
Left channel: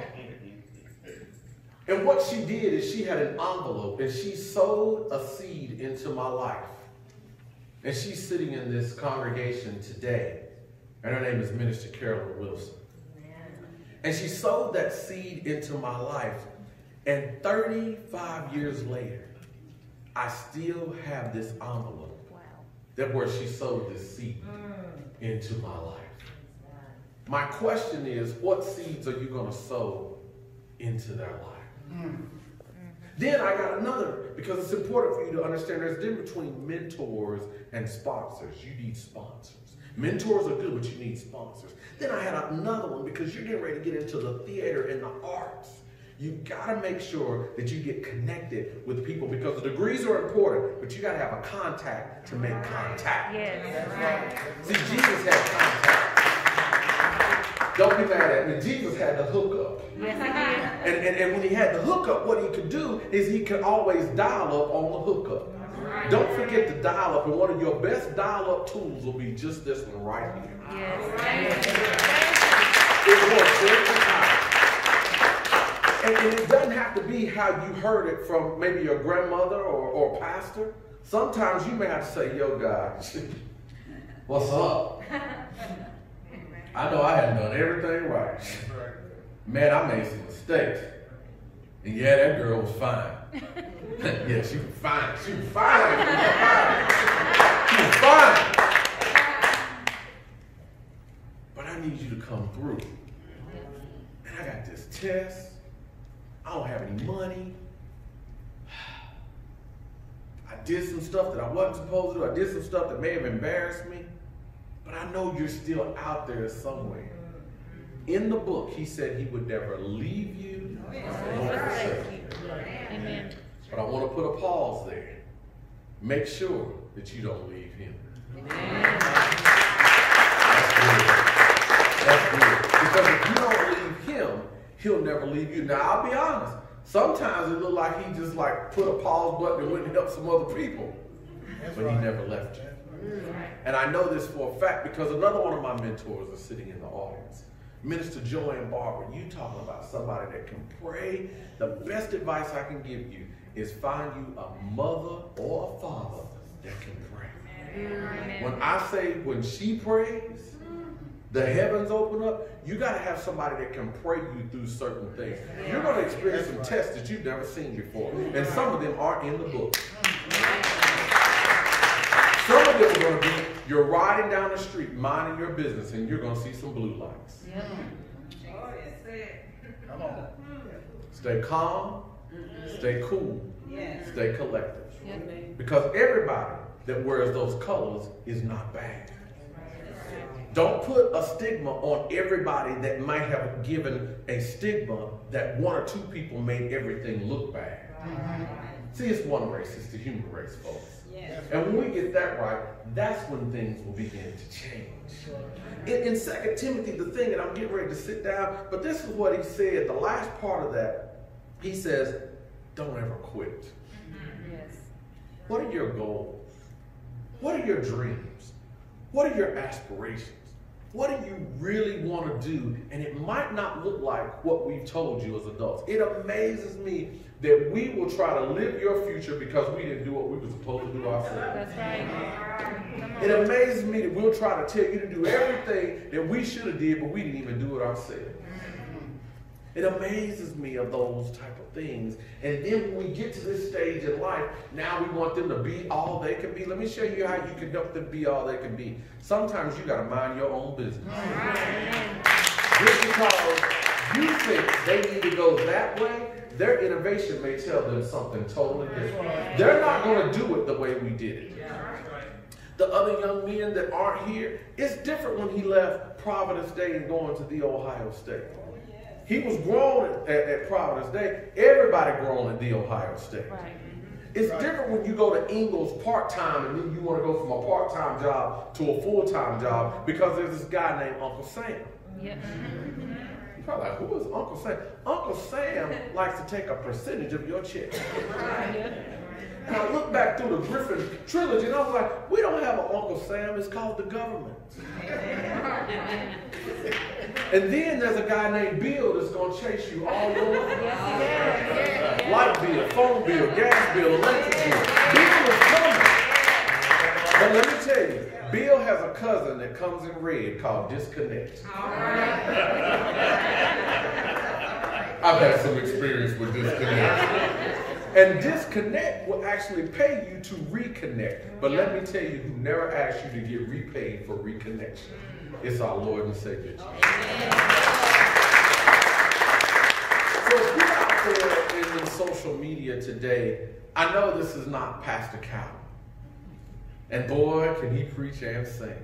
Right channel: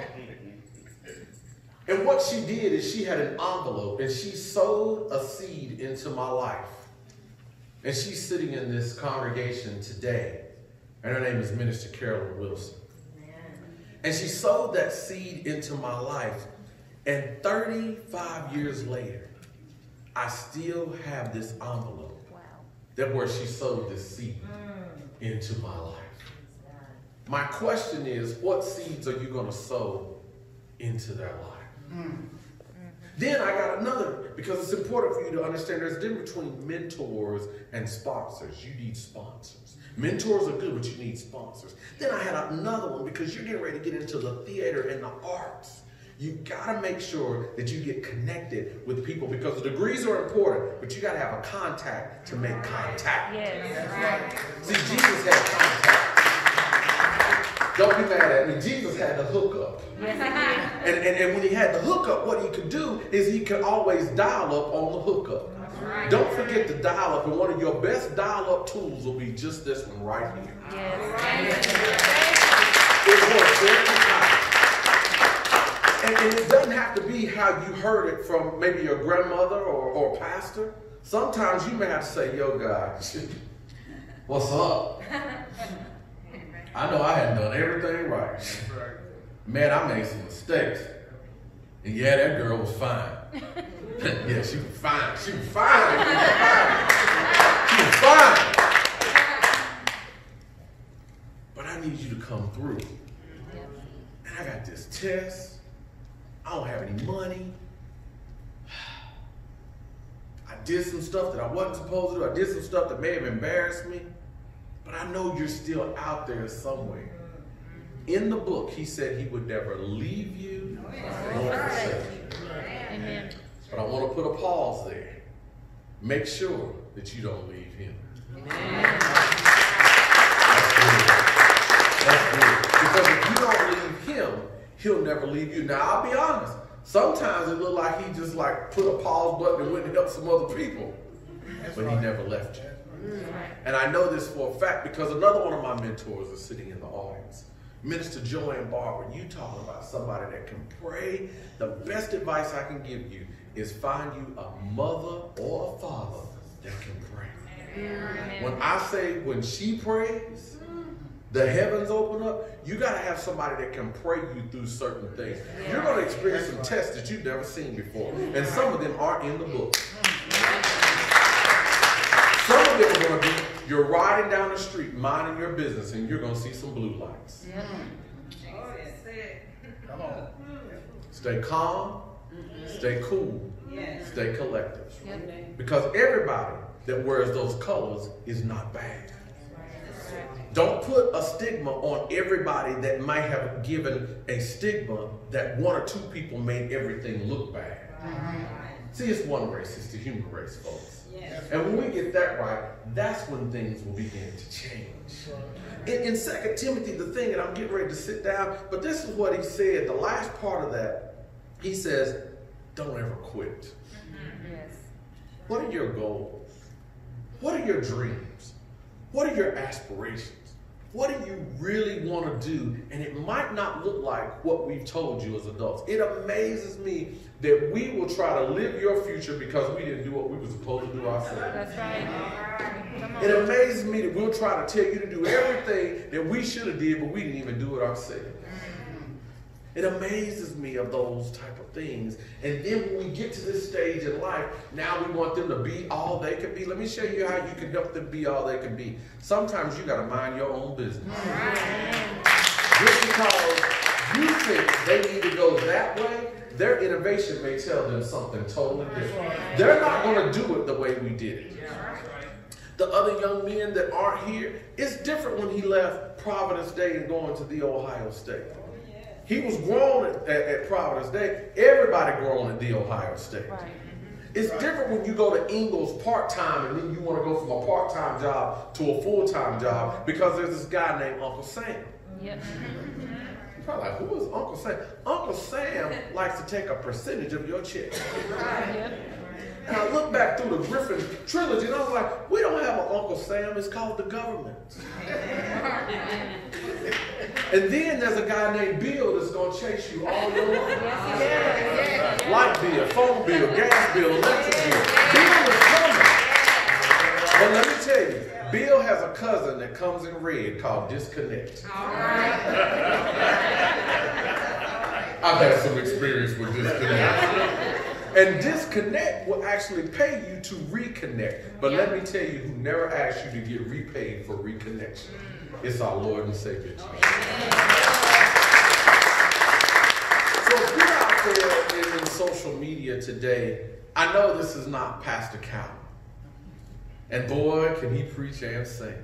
And what she did is she had an envelope and she sowed a seed into my life. And she's sitting in this congregation today. And her name is Minister Carolyn Wilson. And she sowed that seed into my life. And 35 years later, I still have this envelope. Wow. That where she sowed this seed into my life. My question is, what seeds are you going to sow into their life? Then I got another, because it's important for you to understand there's a difference between mentors and sponsors. You need sponsors. Mentors are good, but you need sponsors. Then I had another one, because you're getting ready to get into the theater and the arts. You got to make sure that you get connected with people, because the degrees are important, but you got to have a contact to make contact. Yes. See, Jesus had contact. Don't be mad at me. Jesus had the hookup. Yes, he did. And when he had the hookup, what he could do is he could always dial up on the hookup. Don't forget to dial up, and one of your best dial-up tools will be just this one right here. Yes. Thank you. It works every time. And it doesn't have to be how you heard it from maybe your grandmother or pastor. Sometimes you may have to say, yo, God, what's up? I know I hadn't done everything right. Man, I made some mistakes. And yeah, that girl was fine. Yeah, she was fine. She was fine. She was fine. But I need you to come through. And I got this test. I don't have any money. I did some stuff that I wasn't supposed to do. I did some stuff that may have embarrassed me. But I know you're still out there somewhere. In the book, he said he would never leave you nor forsake you. Amen. But I want to put a pause there. Make sure that you don't leave him. Amen. That's good. That's good. Because if you don't leave him, he'll never leave you. Now, I'll be honest. Sometimes it looked like he just like put a pause button and went and helped some other people. But he never left you. And I know this for a fact because another one of my mentors is sitting in the audience. Minister Joanne Barber, you talking about somebody that can pray. The best advice I can give you is find you a mother or a father that can pray. Amen. When I say when she prays, the heavens open up, you got to have somebody that can pray you through certain things. You're going to experience some tests that you've never seen before. And some of them aren't in the book. Some of them are going to be, you're riding down the street, minding your business, and you're going to see some blue lights. Yep. Oh, yes, come on. Stay calm, stay cool, stay collective. Yep. Because everybody that wears those colors is not bad. Don't put a stigma on everybody that might have given a stigma that one or two people made everything look bad. See, it's one race, it's the human race, folks. And when we get that right, that's when things will begin to change. In 2 Timothy, the thing, and I'm getting ready to sit down, but this is what he said, the last part of that, he says, don't ever quit. Yes. What are your goals? What are your dreams? What are your aspirations? what do you really want to do? And it might not look like what we've told you as adults. It amazes me that we will try to live your future because we didn't do what we were supposed to do ourselves. That's right. Come on. It amazes me that we'll try to tell you to do everything that we should have did, but we didn't even do it ourselves. It amazes me of those type of things. And then when we get to this stage in life, now we want them to be all they can be. Let me show you how you can help them be all they can be. Sometimes you got to mind your own business. Amen. Just because you think they need to go that way, their innovation may tell them something totally different. They're not going to do it the way we did it. The other young men that aren't here, it's different when he left Providence Day and going to the Ohio State. He was grown at Providence Day. Everybody grown at the Ohio State. Right. It's different when you go to Ingalls part-time and then you want to go from a part-time job to a full-time job because there's this guy named Uncle Sam. Yep. You're probably like, who is Uncle Sam? Uncle Sam likes to take a percentage of your check. Yep. And I look back through the Griffin trilogy and I was like, we don't have an Uncle Sam, it's called the government. And then there's a guy named Bill that's going to chase you all your life. Yes, he does. Light bill, phone bill, gas bill, electric bill. Bill is coming. But let me tell you, Bill has a cousin that comes in red called Disconnect. I've had some experience with Disconnect. And Disconnect will actually pay you to reconnect. But let me tell you who never asked you to get repaid for reconnection. It's our Lord and Savior, Jesus. So if you're out there in social media today, I know this is not Pastor Calvin. And boy, can he preach and sing.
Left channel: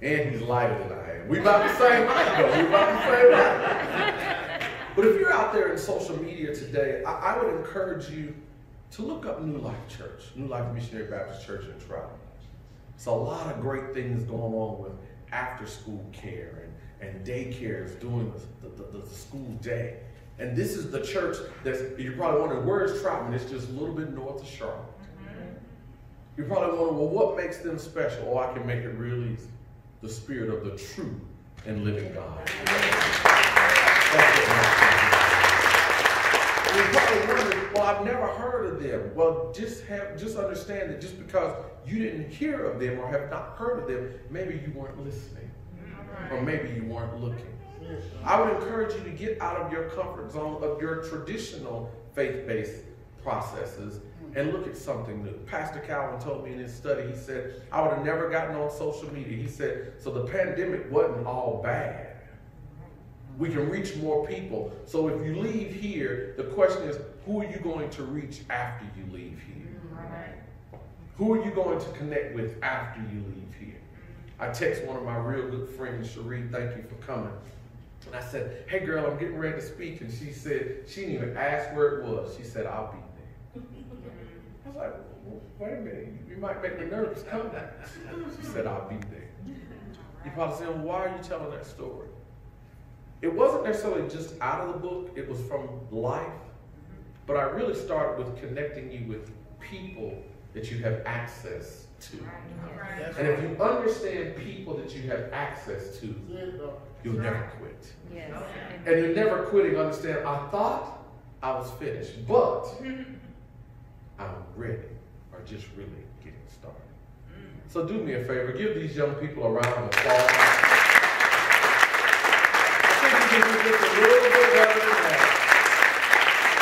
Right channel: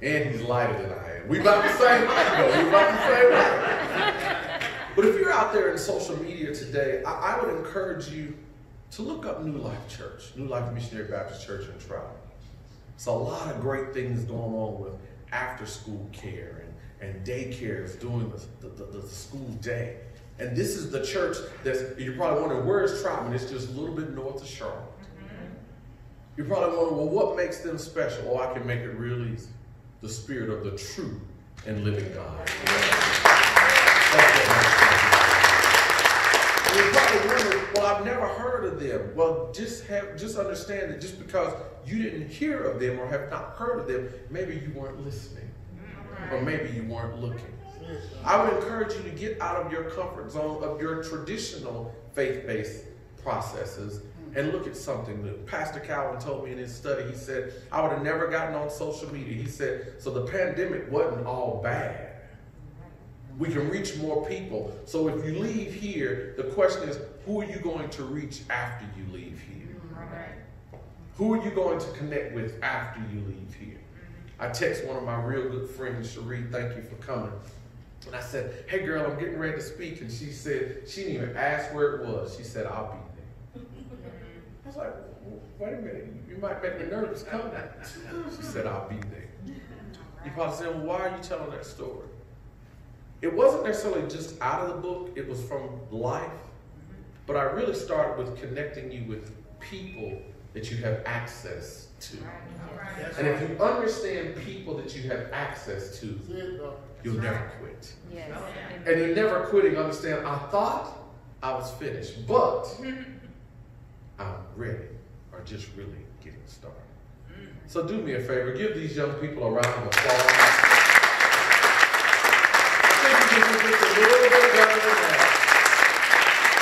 And he's lighter than I am. We about the same height, though. We about the same height. But if you're out there in social media today, I would encourage you to look up New Life Church, New Life Missionary Baptist Church in Trout. There's a lot of great things going on with after-school care and daycares during the school day. And this is the church that's, you're probably wondering, where is Troutman? It's just a little bit north of Charlotte. You're probably wondering, well, what makes them special? Oh, I can make it real easy. The spirit of the true and living God. That's what makes them special. And you're probably wondering, well, I've never heard of them. Well, just understand that just because you didn't hear of them or have not heard of them, maybe you weren't listening. Or maybe you weren't looking. I would encourage you to get out of your comfort zone of your traditional faith-based processes and look at something new. Pastor Calvin told me in his study, he said, I would have never gotten on social media. He said, so the pandemic wasn't all bad. We can reach more people. So if you leave here, the question is, who are you going to reach after you leave here? Right. Who are you going to connect with after you leave here? I text one of my real good friends, Cherie, thank you for coming. And I said, hey girl, I'm getting ready to speak. And she said, she didn't even ask where it was. She said, I'll be there. I was like, well, wait a minute, you might make me nervous. Come down. She said, I'll be there. You probably say, well, why are you telling that story? It wasn't necessarily just out of the book, it was from life. But I really started with connecting you with people that you have access to. And if you understand people that you have access to, you'll never quit. Yes. And you're never quitting, understand, I thought I was finished, but I'm ready, or just really getting started. So do me a favor, give these young people a round of applause. I think we can do this a little bit better than that.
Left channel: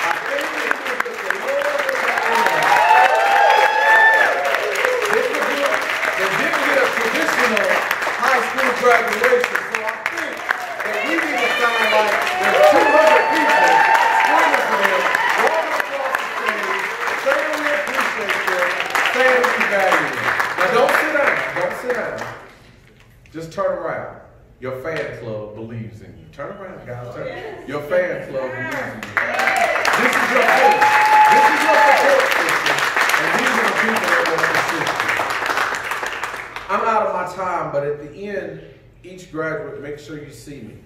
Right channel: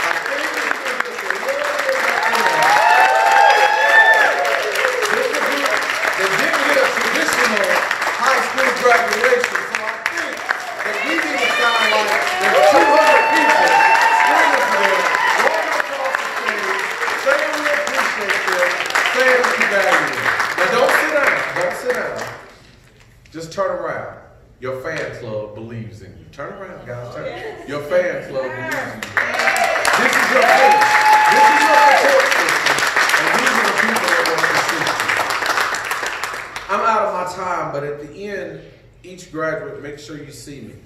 I think we can do this a little bit better than that. This is a group that didn't get a traditional high school graduation, so I think that we need to sound like there's 200 people screaming for them, walking across the stage, saying we appreciate them, saying we value them. Now don't sit down, don't sit down. Just turn around. Your fan club believes in you. Turn around, guys. Turn. Your fan club believes in you. This is your voice. This is your support system. And these are the people that want to assist you. I'm out of my time, but at the end, each graduate, make sure you see me.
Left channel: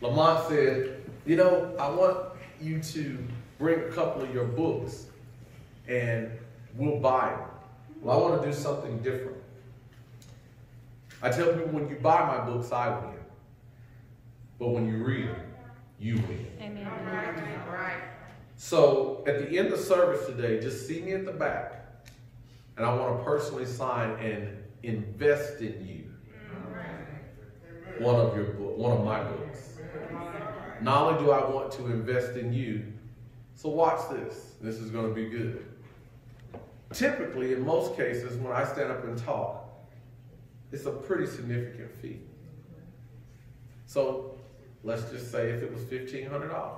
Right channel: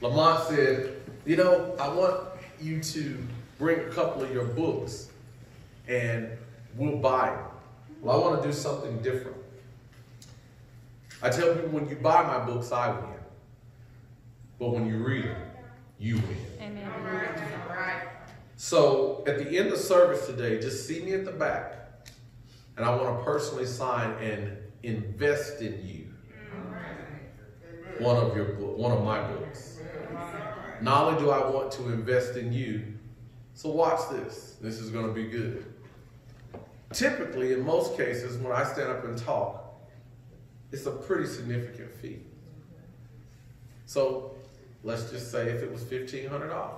Lamont said, you know, I want you to bring a couple of your books and we'll buy them. Well, I want to do something different. I tell people when you buy my books, I win. But when you read them, you win. Amen. So at the end of service today, just see me at the back. And I want to personally sign and invest in you. One of my books. Not only do I want to invest in you, so watch this. This is going to be good. Typically, in most cases, when I stand up and talk, it's a pretty significant fee. So let's just say if it was $1,500.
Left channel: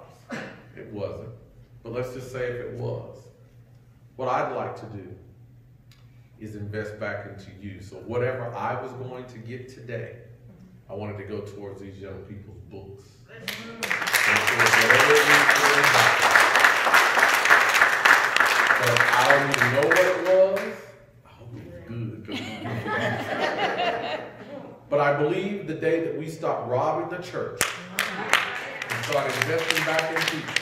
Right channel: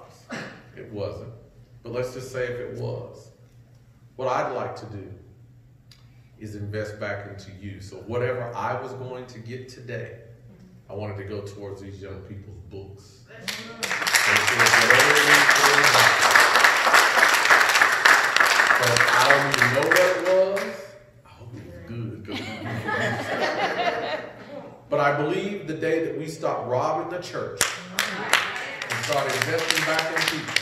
It wasn't. But let's just say if it was. What I'd like to do is invest back into you. So whatever I was going to get today, I wanted to go towards these young people's books. But I don't even know what it was. I hope it was good. But I believe the day that we stop robbing the church and start investing back in people,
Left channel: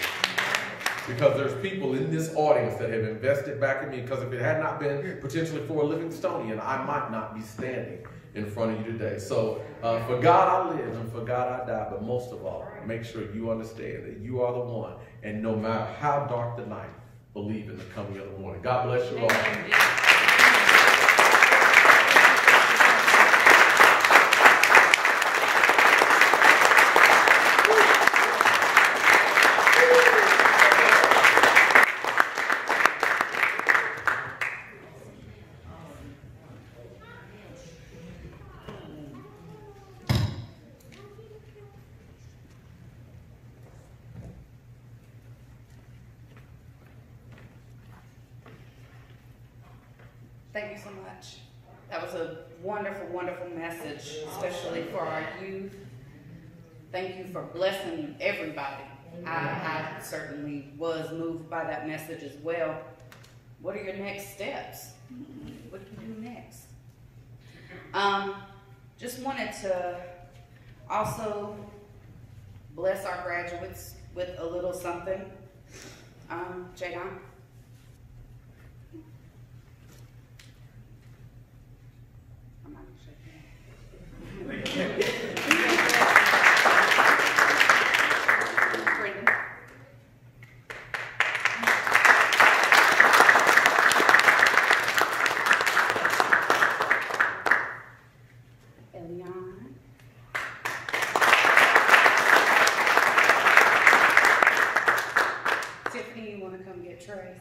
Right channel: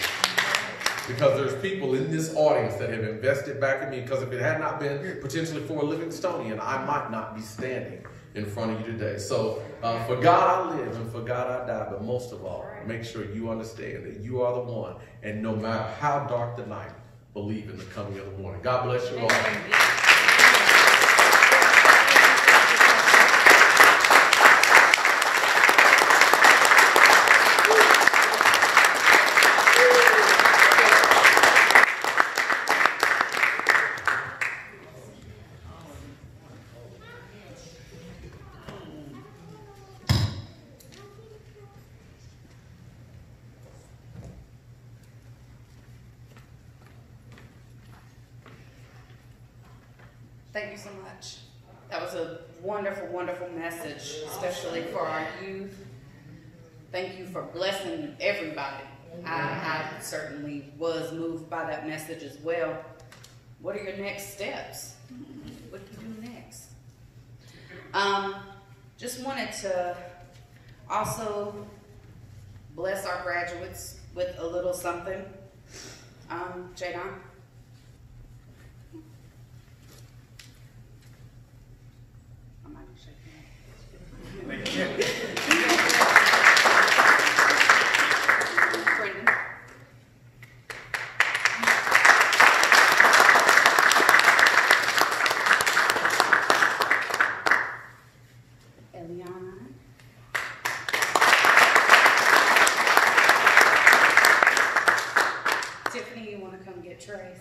because there's people in this audience that have invested back in me, because if it had not been potentially for a Livingstonian, I might not be standing in front of you today. So for God I live and for God I die, but most of all, make sure you understand that you are the one, and no matter how dark the night, believe in the coming of the morning. God bless you all. Thank you so much. That was a wonderful, wonderful message, especially for our youth. Thank you for blessing everybody. I certainly was moved by that message as well. What are your next steps? What do you do next? Just wanted to also bless our graduates with a little something. Jadon. Tiffany, you want to come get Trace?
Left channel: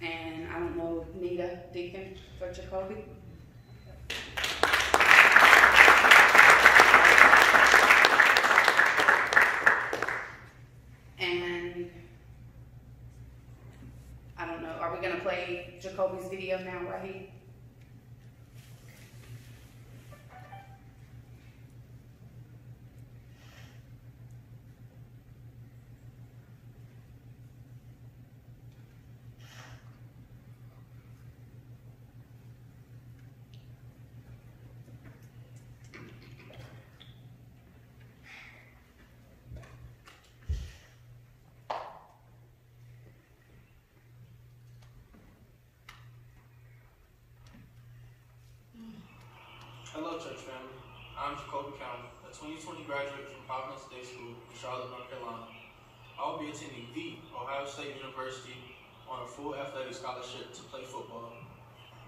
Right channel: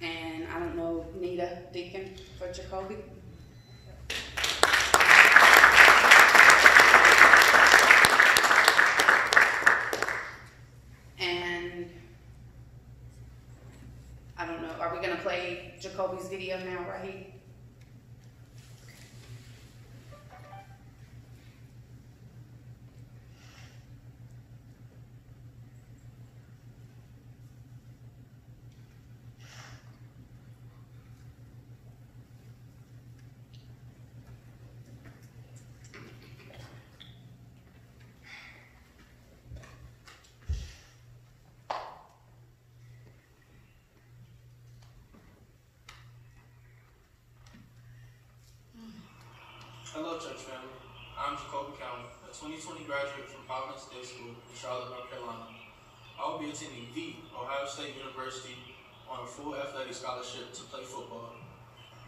And I don't know, Nita Deacon for Jacoby. And I don't know, are we going to play Jacoby's video now, Raheem? Hello, church family. I'm Jacoby County, a 2020 graduate from Providence Day School in Charlotte, North Carolina. I will be attending the Ohio State University on a full athletic scholarship to play football,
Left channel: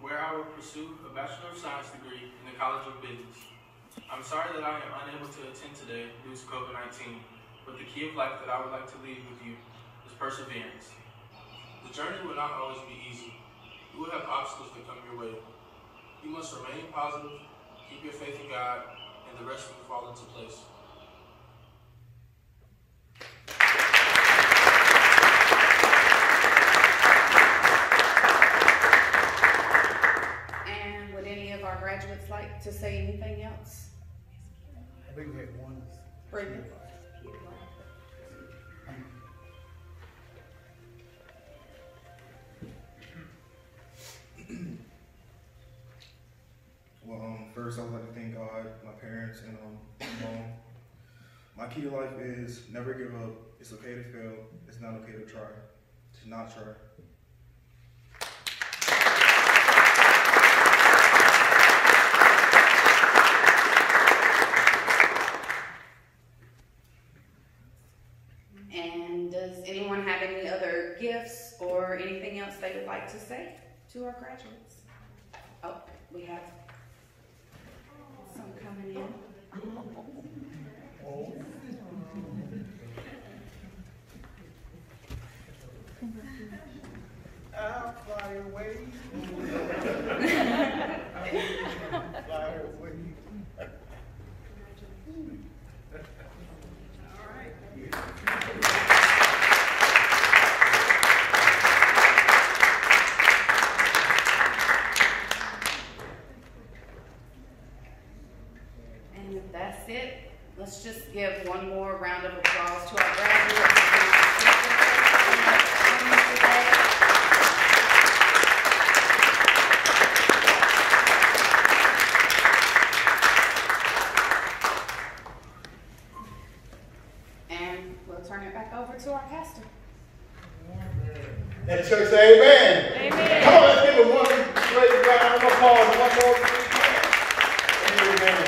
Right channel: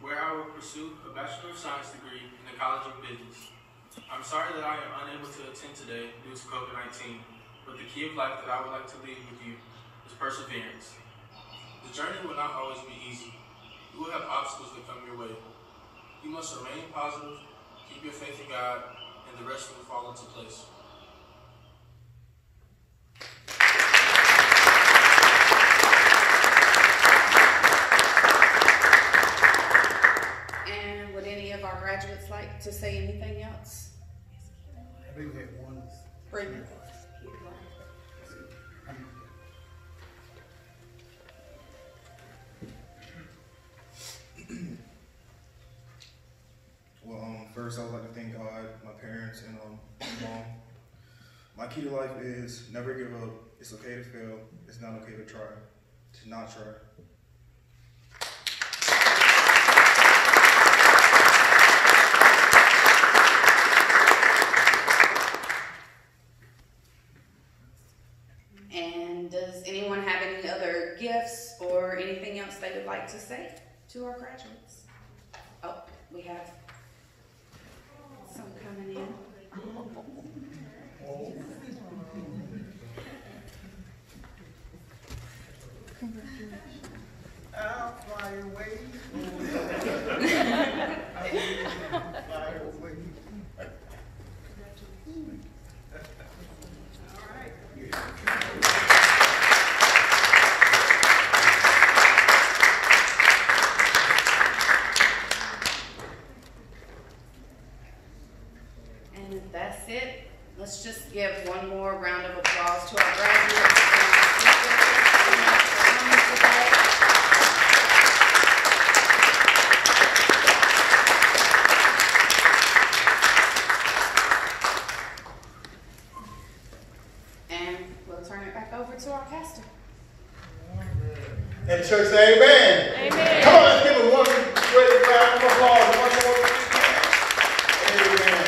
where I will pursue a Bachelor of Science degree in the College of Business. I'm sorry that I am unable to attend today due to COVID-19, but the key of life that I would like to leave with you is perseverance. The journey will not always be easy. You will have obstacles that come your way. You must remain positive, keep your faith in God, and the rest will fall into place. And would any of our graduates like to say anything else? I think we had one. Brendan? Well, first I would like to thank God God, my parents, and my mom. My key to life is never give up. It's okay to fail. It's not okay to try. To not try. And does anyone have any other gifts or anything else they would like to say to our graduates? Oh, we have some coming in. I'll fly away. Fly away. All right. And if that's it, let's just give one more round of applause to our graduates and our speakers. Thank you so much for coming today. And we'll turn it back over to our pastor. And the church say amen. Amen. Come on, let's give it one great round of applause. One more. Amen.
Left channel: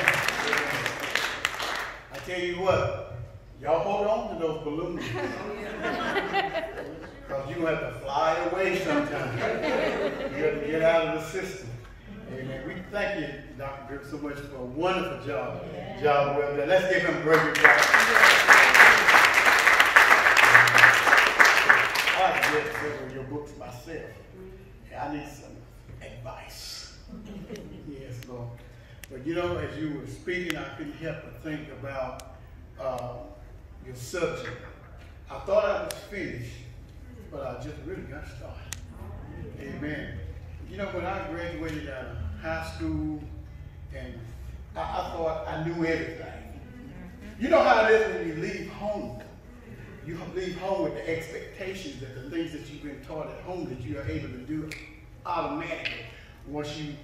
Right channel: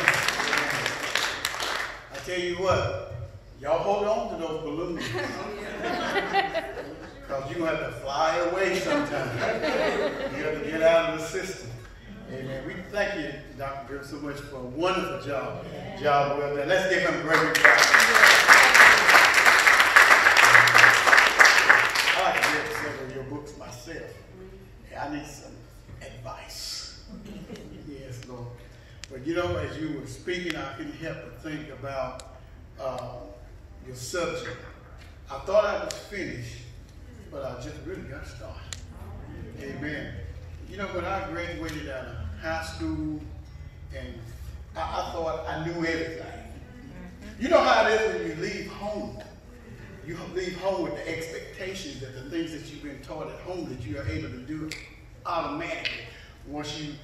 I tell you what, y'all hold on to those balloons. Because you're going to have to fly away sometime. You have to get out of the system. Amen. We thank you, Dr. Griffin, so much for a wonderful job. Job well done. Let's give him a great applause. I like to get several of your books myself. I need some advice. Yes, Lord. But you know, as you were speaking, I couldn't help but think about your subject. I thought I was finished, but I just really got started. Amen. You know, when I graduated out of high school, and I thought I knew everything. You know how it is when you leave home. You leave home with the expectations that the things that you've been taught at home that you are able to do automatically once you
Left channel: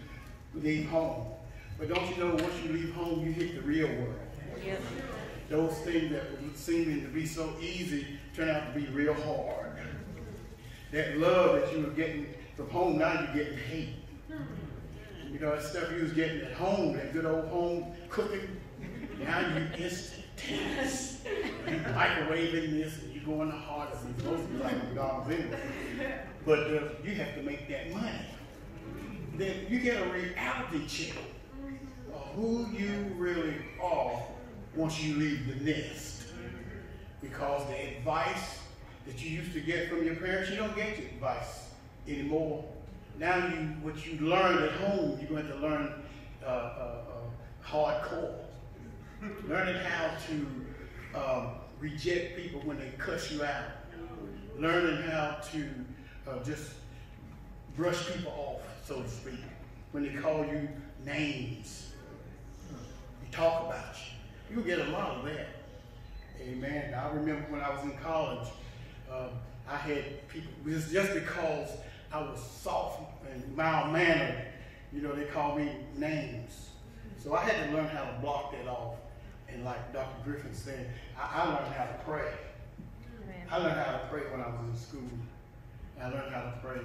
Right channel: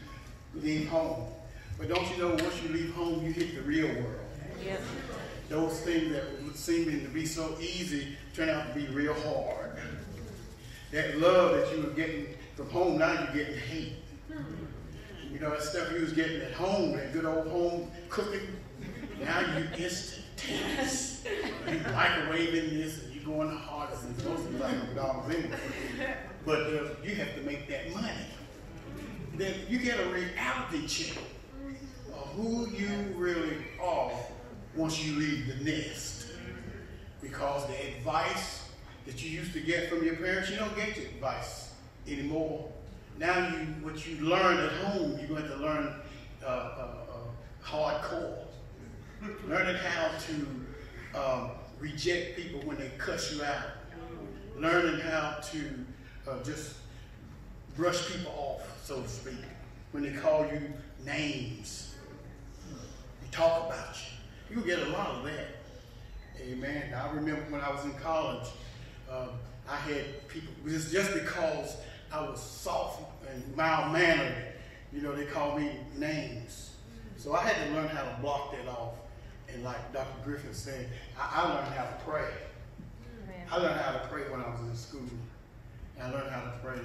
leave home. But don't you know, once you leave home, you hit the real world. Yep. Those things that were seeming to be so easy turn out to be real hard. That love that you were getting from home, now you're getting hate. You know, that stuff you was getting at home, that good old home cooking, now you instantaneous. You microwaving this and you go in the hardest and most of you like McDonald's anyway. But you have to make that money. Then you get a reality check of who you really are once you leave the nest. Because the advice that you used to get from your parents, you don't get your advice anymore. Now what you learned at home, you're going to have to learn hardcore. Learning how to reject people when they cuss you out. Learning how to just brush people off, so to speak. When they call you names, they talk about you. You'll get a lot of that. Amen. I remember when I was in college, I had people, just because I was soft and mild-mannered, you know, they called me names. So I had to learn how to block that off. And like Dr. Griffin said, I learned how to pray. Amen. I learned how to pray when I was in school. I learned how to pray.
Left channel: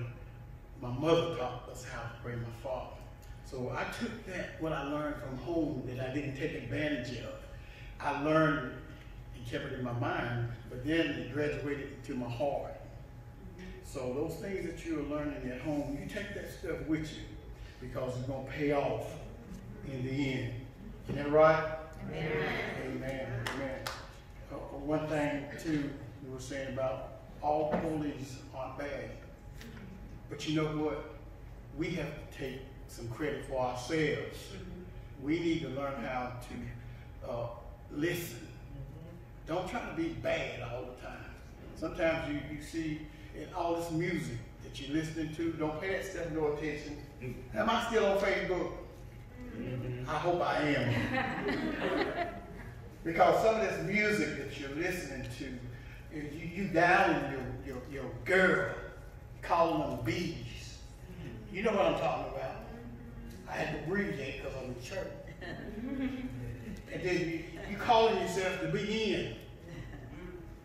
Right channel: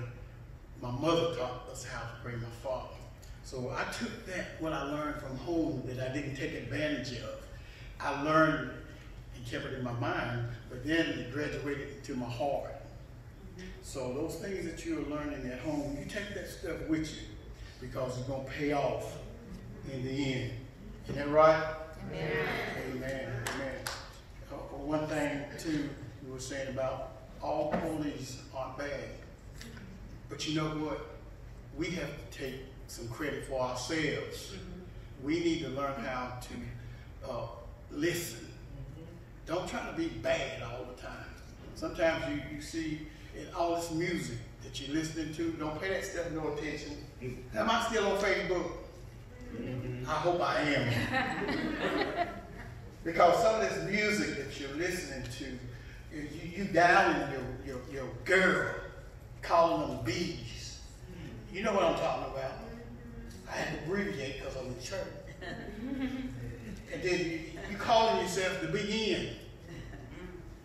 My mother taught us how to pray, my father. So I took that, what I learned from home that I didn't take advantage of. I learned and kept it in my mind, but then it graduated into my heart. So those things that you're learning at home, you take that stuff with you because it's going to pay off in the end. Isn't that right? Amen. Amen. Amen. One thing, too, we were saying about all bullies aren't bad. But you know what? We have to take some credit for ourselves. We need to learn how to listen. Don't try to be bad all the time. Sometimes you see in all this music that you're listening to, don't pay that stuff no attention. Am I still on Facebook? I hope I am. Because some of this music that you're listening to, you downing your girl, calling them bees. You know what I'm talking about. I had to abbreviate because I'm in church. And then you calling yourself the big N.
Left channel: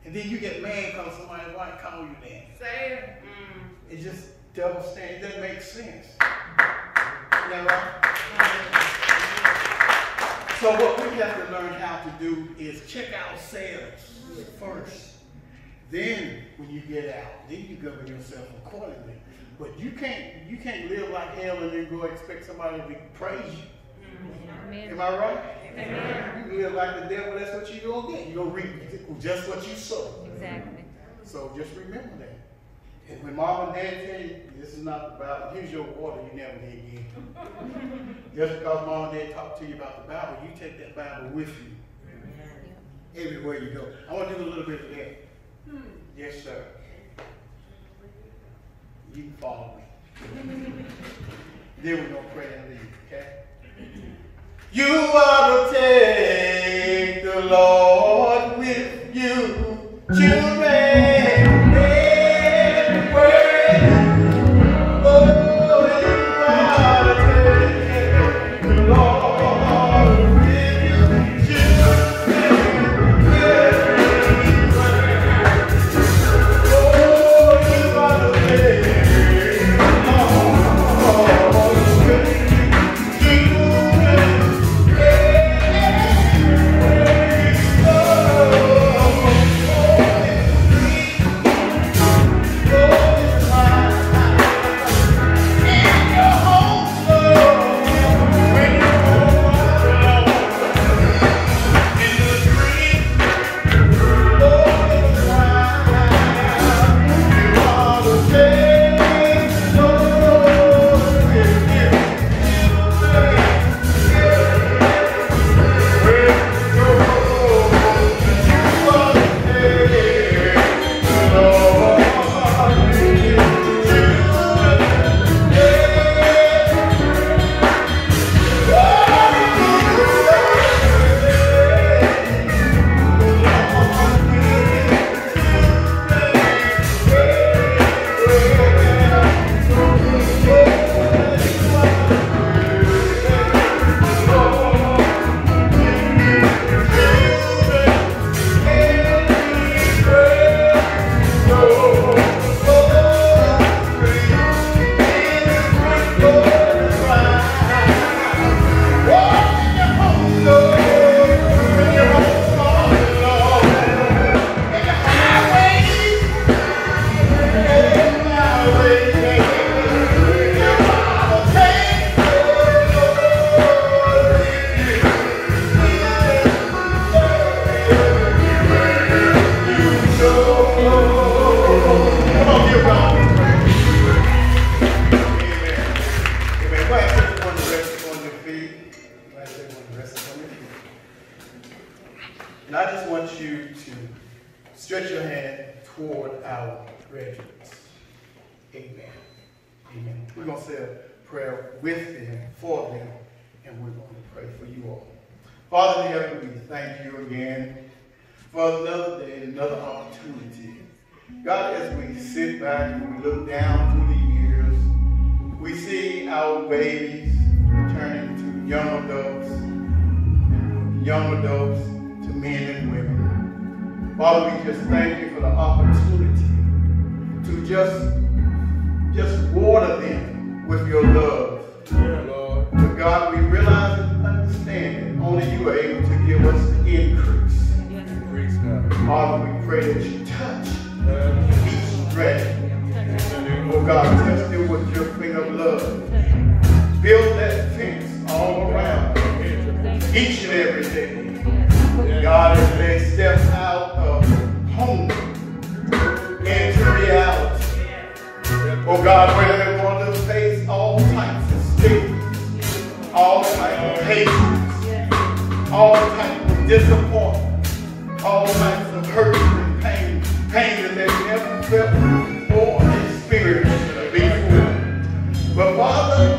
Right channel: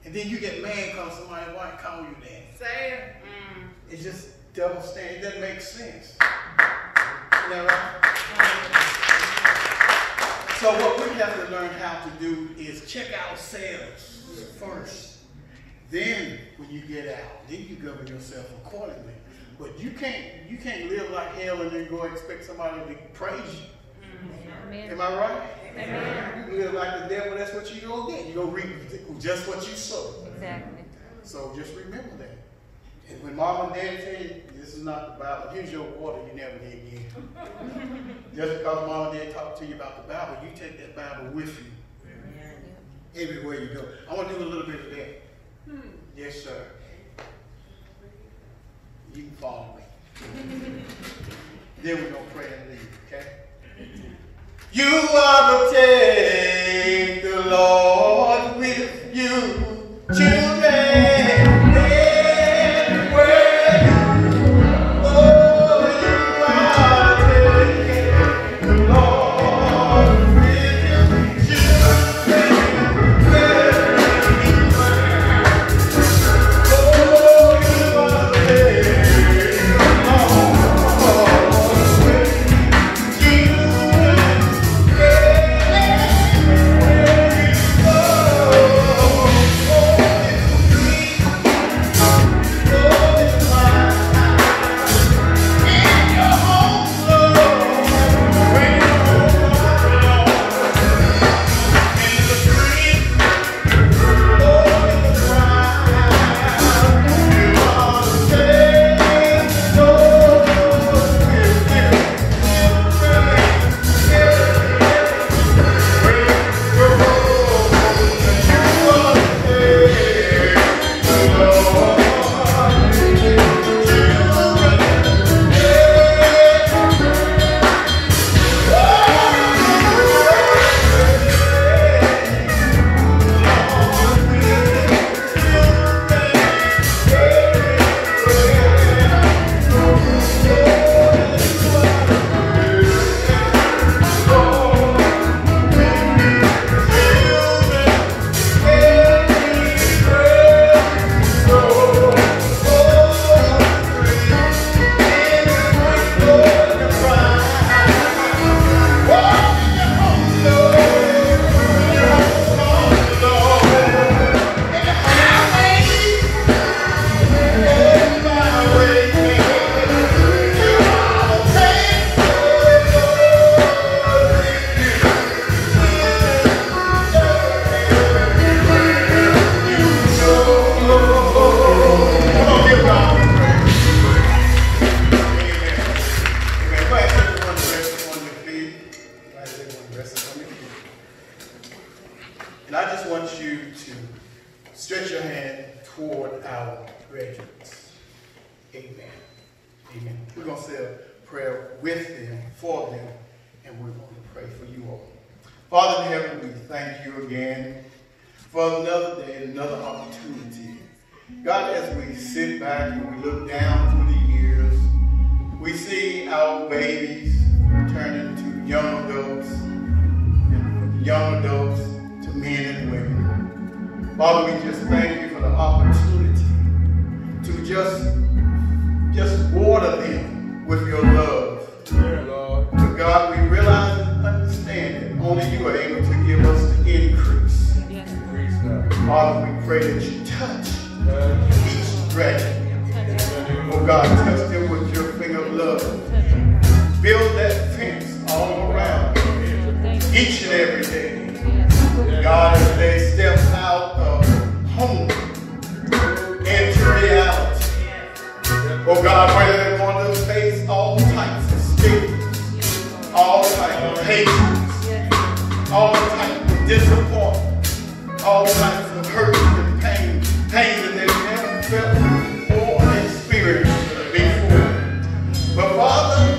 And then you get mad because somebody white call you that. Say it. It's just double standard. It doesn't make sense. Isn't that right? So what we have to learn how to do is check ourselves first. Then when you get out, then you govern yourself accordingly. But you can't live like hell and then go expect somebody to praise you. Amen. Am I right? Amen. You live like the devil, that's what you're going to get. You're going to reap just what you sow. Exactly. So just remember that. And when mom and dad tell you, this is not the Bible, here's your order, you never did get. Just because mom and dad talk to you about the Bible, you take that Bible with you. Everywhere you go. I want to do a little bit of that. Yes, sir. You can follow me. Then we're going to pray and leave, okay? You ought to take the Lord with you, children. And I just want you to stretch your hand toward our graduates. Amen. Amen. We're going to say a prayer with them, for them, and we're going to pray for you all. Father in heaven, we thank you again for another day, another opportunity. God, as we sit back and we look down through the years, we see our babies turn into young adults, and young adults to men and women. Father, we just thank you for the opportunity to just water them with your love. But God, we realize and understand that only you are able to give us the increase. Father, we pray that you touch each graduate. Oh God, touch them with your finger of love. Build that fence all around each and every day. God, as they step out of home into reality. Oh God, where they're going to face all types of stigmas, all types of hatred, all types of disappointment, all types of hurt and pain that they've never felt or experienced before. But Father,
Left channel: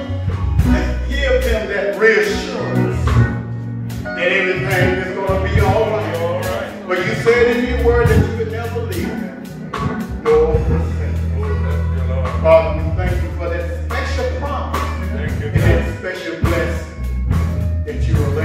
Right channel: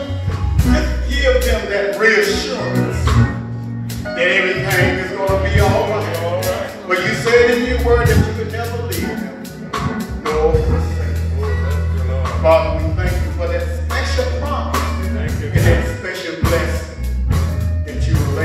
just give them that reassurance that everything is going to be all right. But you said in your word that you could never leave them, nor forsake them. Father, we thank you for that special promise and that special blessing that you have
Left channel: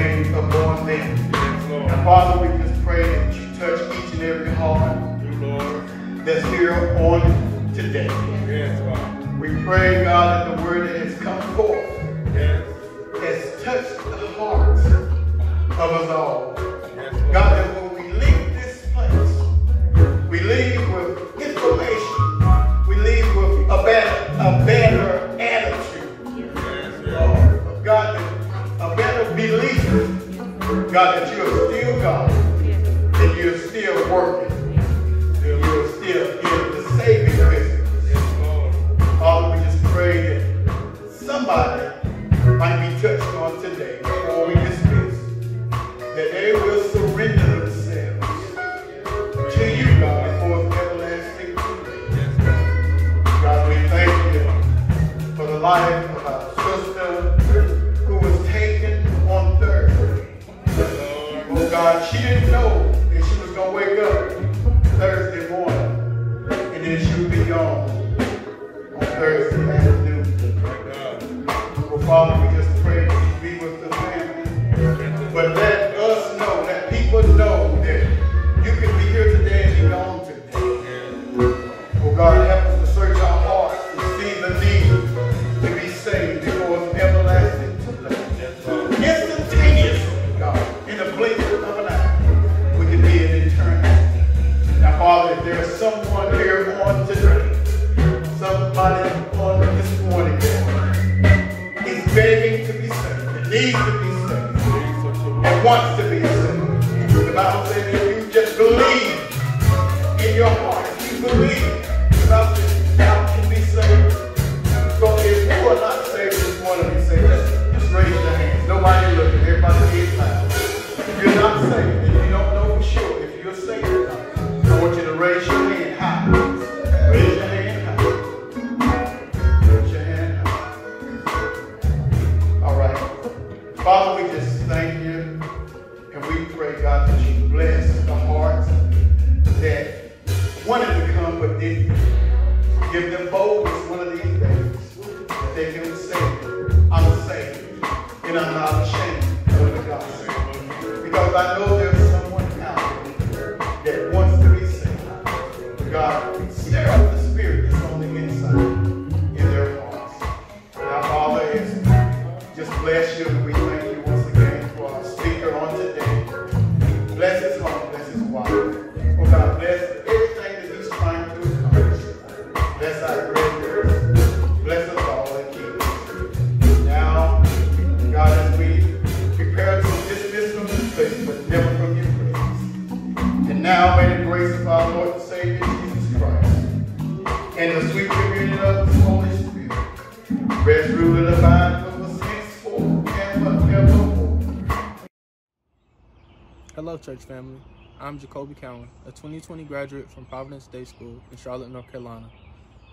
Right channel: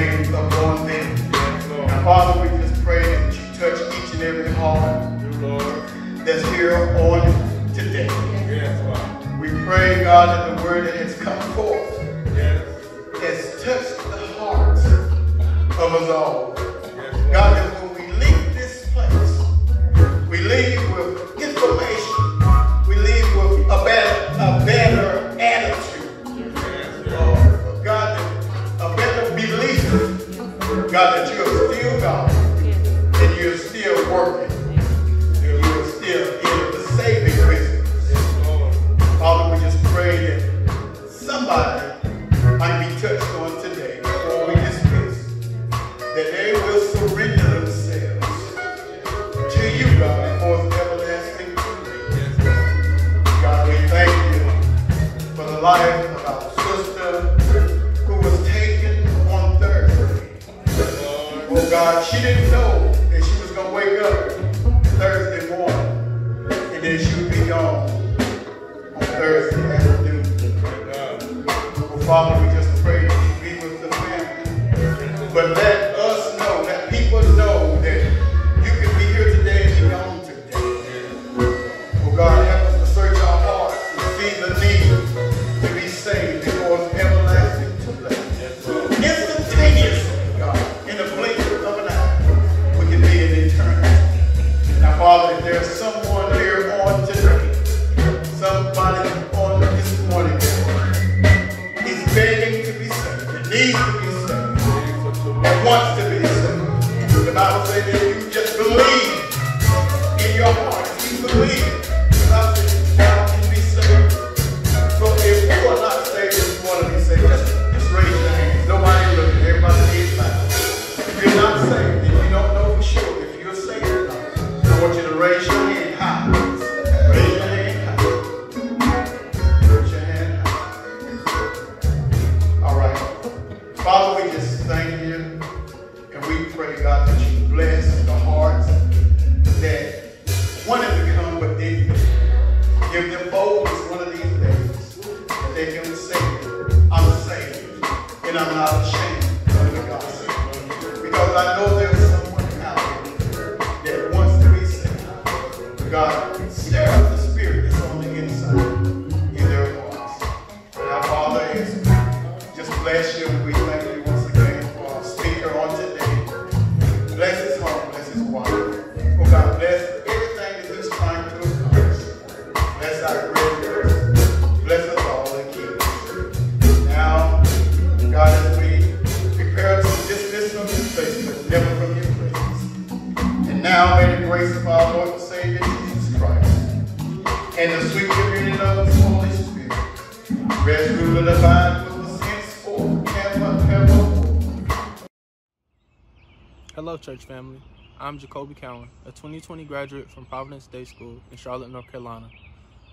Hello, church family. I'm Jacoby Cowan, a 2020 graduate from Providence Day School in Charlotte, North Carolina.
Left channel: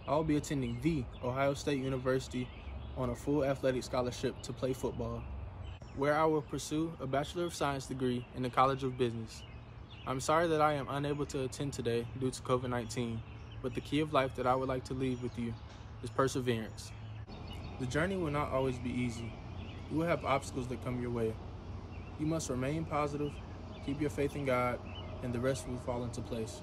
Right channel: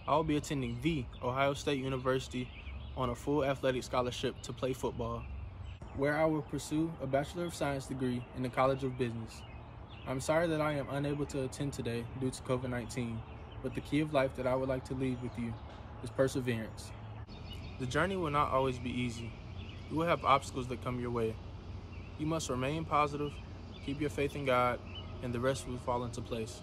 I will be attending the Ohio State University on a full athletic scholarship to play football, where I will pursue a Bachelor of Science degree in the College of Business. I'm sorry that I am unable to attend today due to COVID-19, but the key of life that I would like to leave with you is perseverance. The journey will not always be easy. You will have obstacles that come your way. You must remain positive, keep your faith in God, and the rest will fall into place.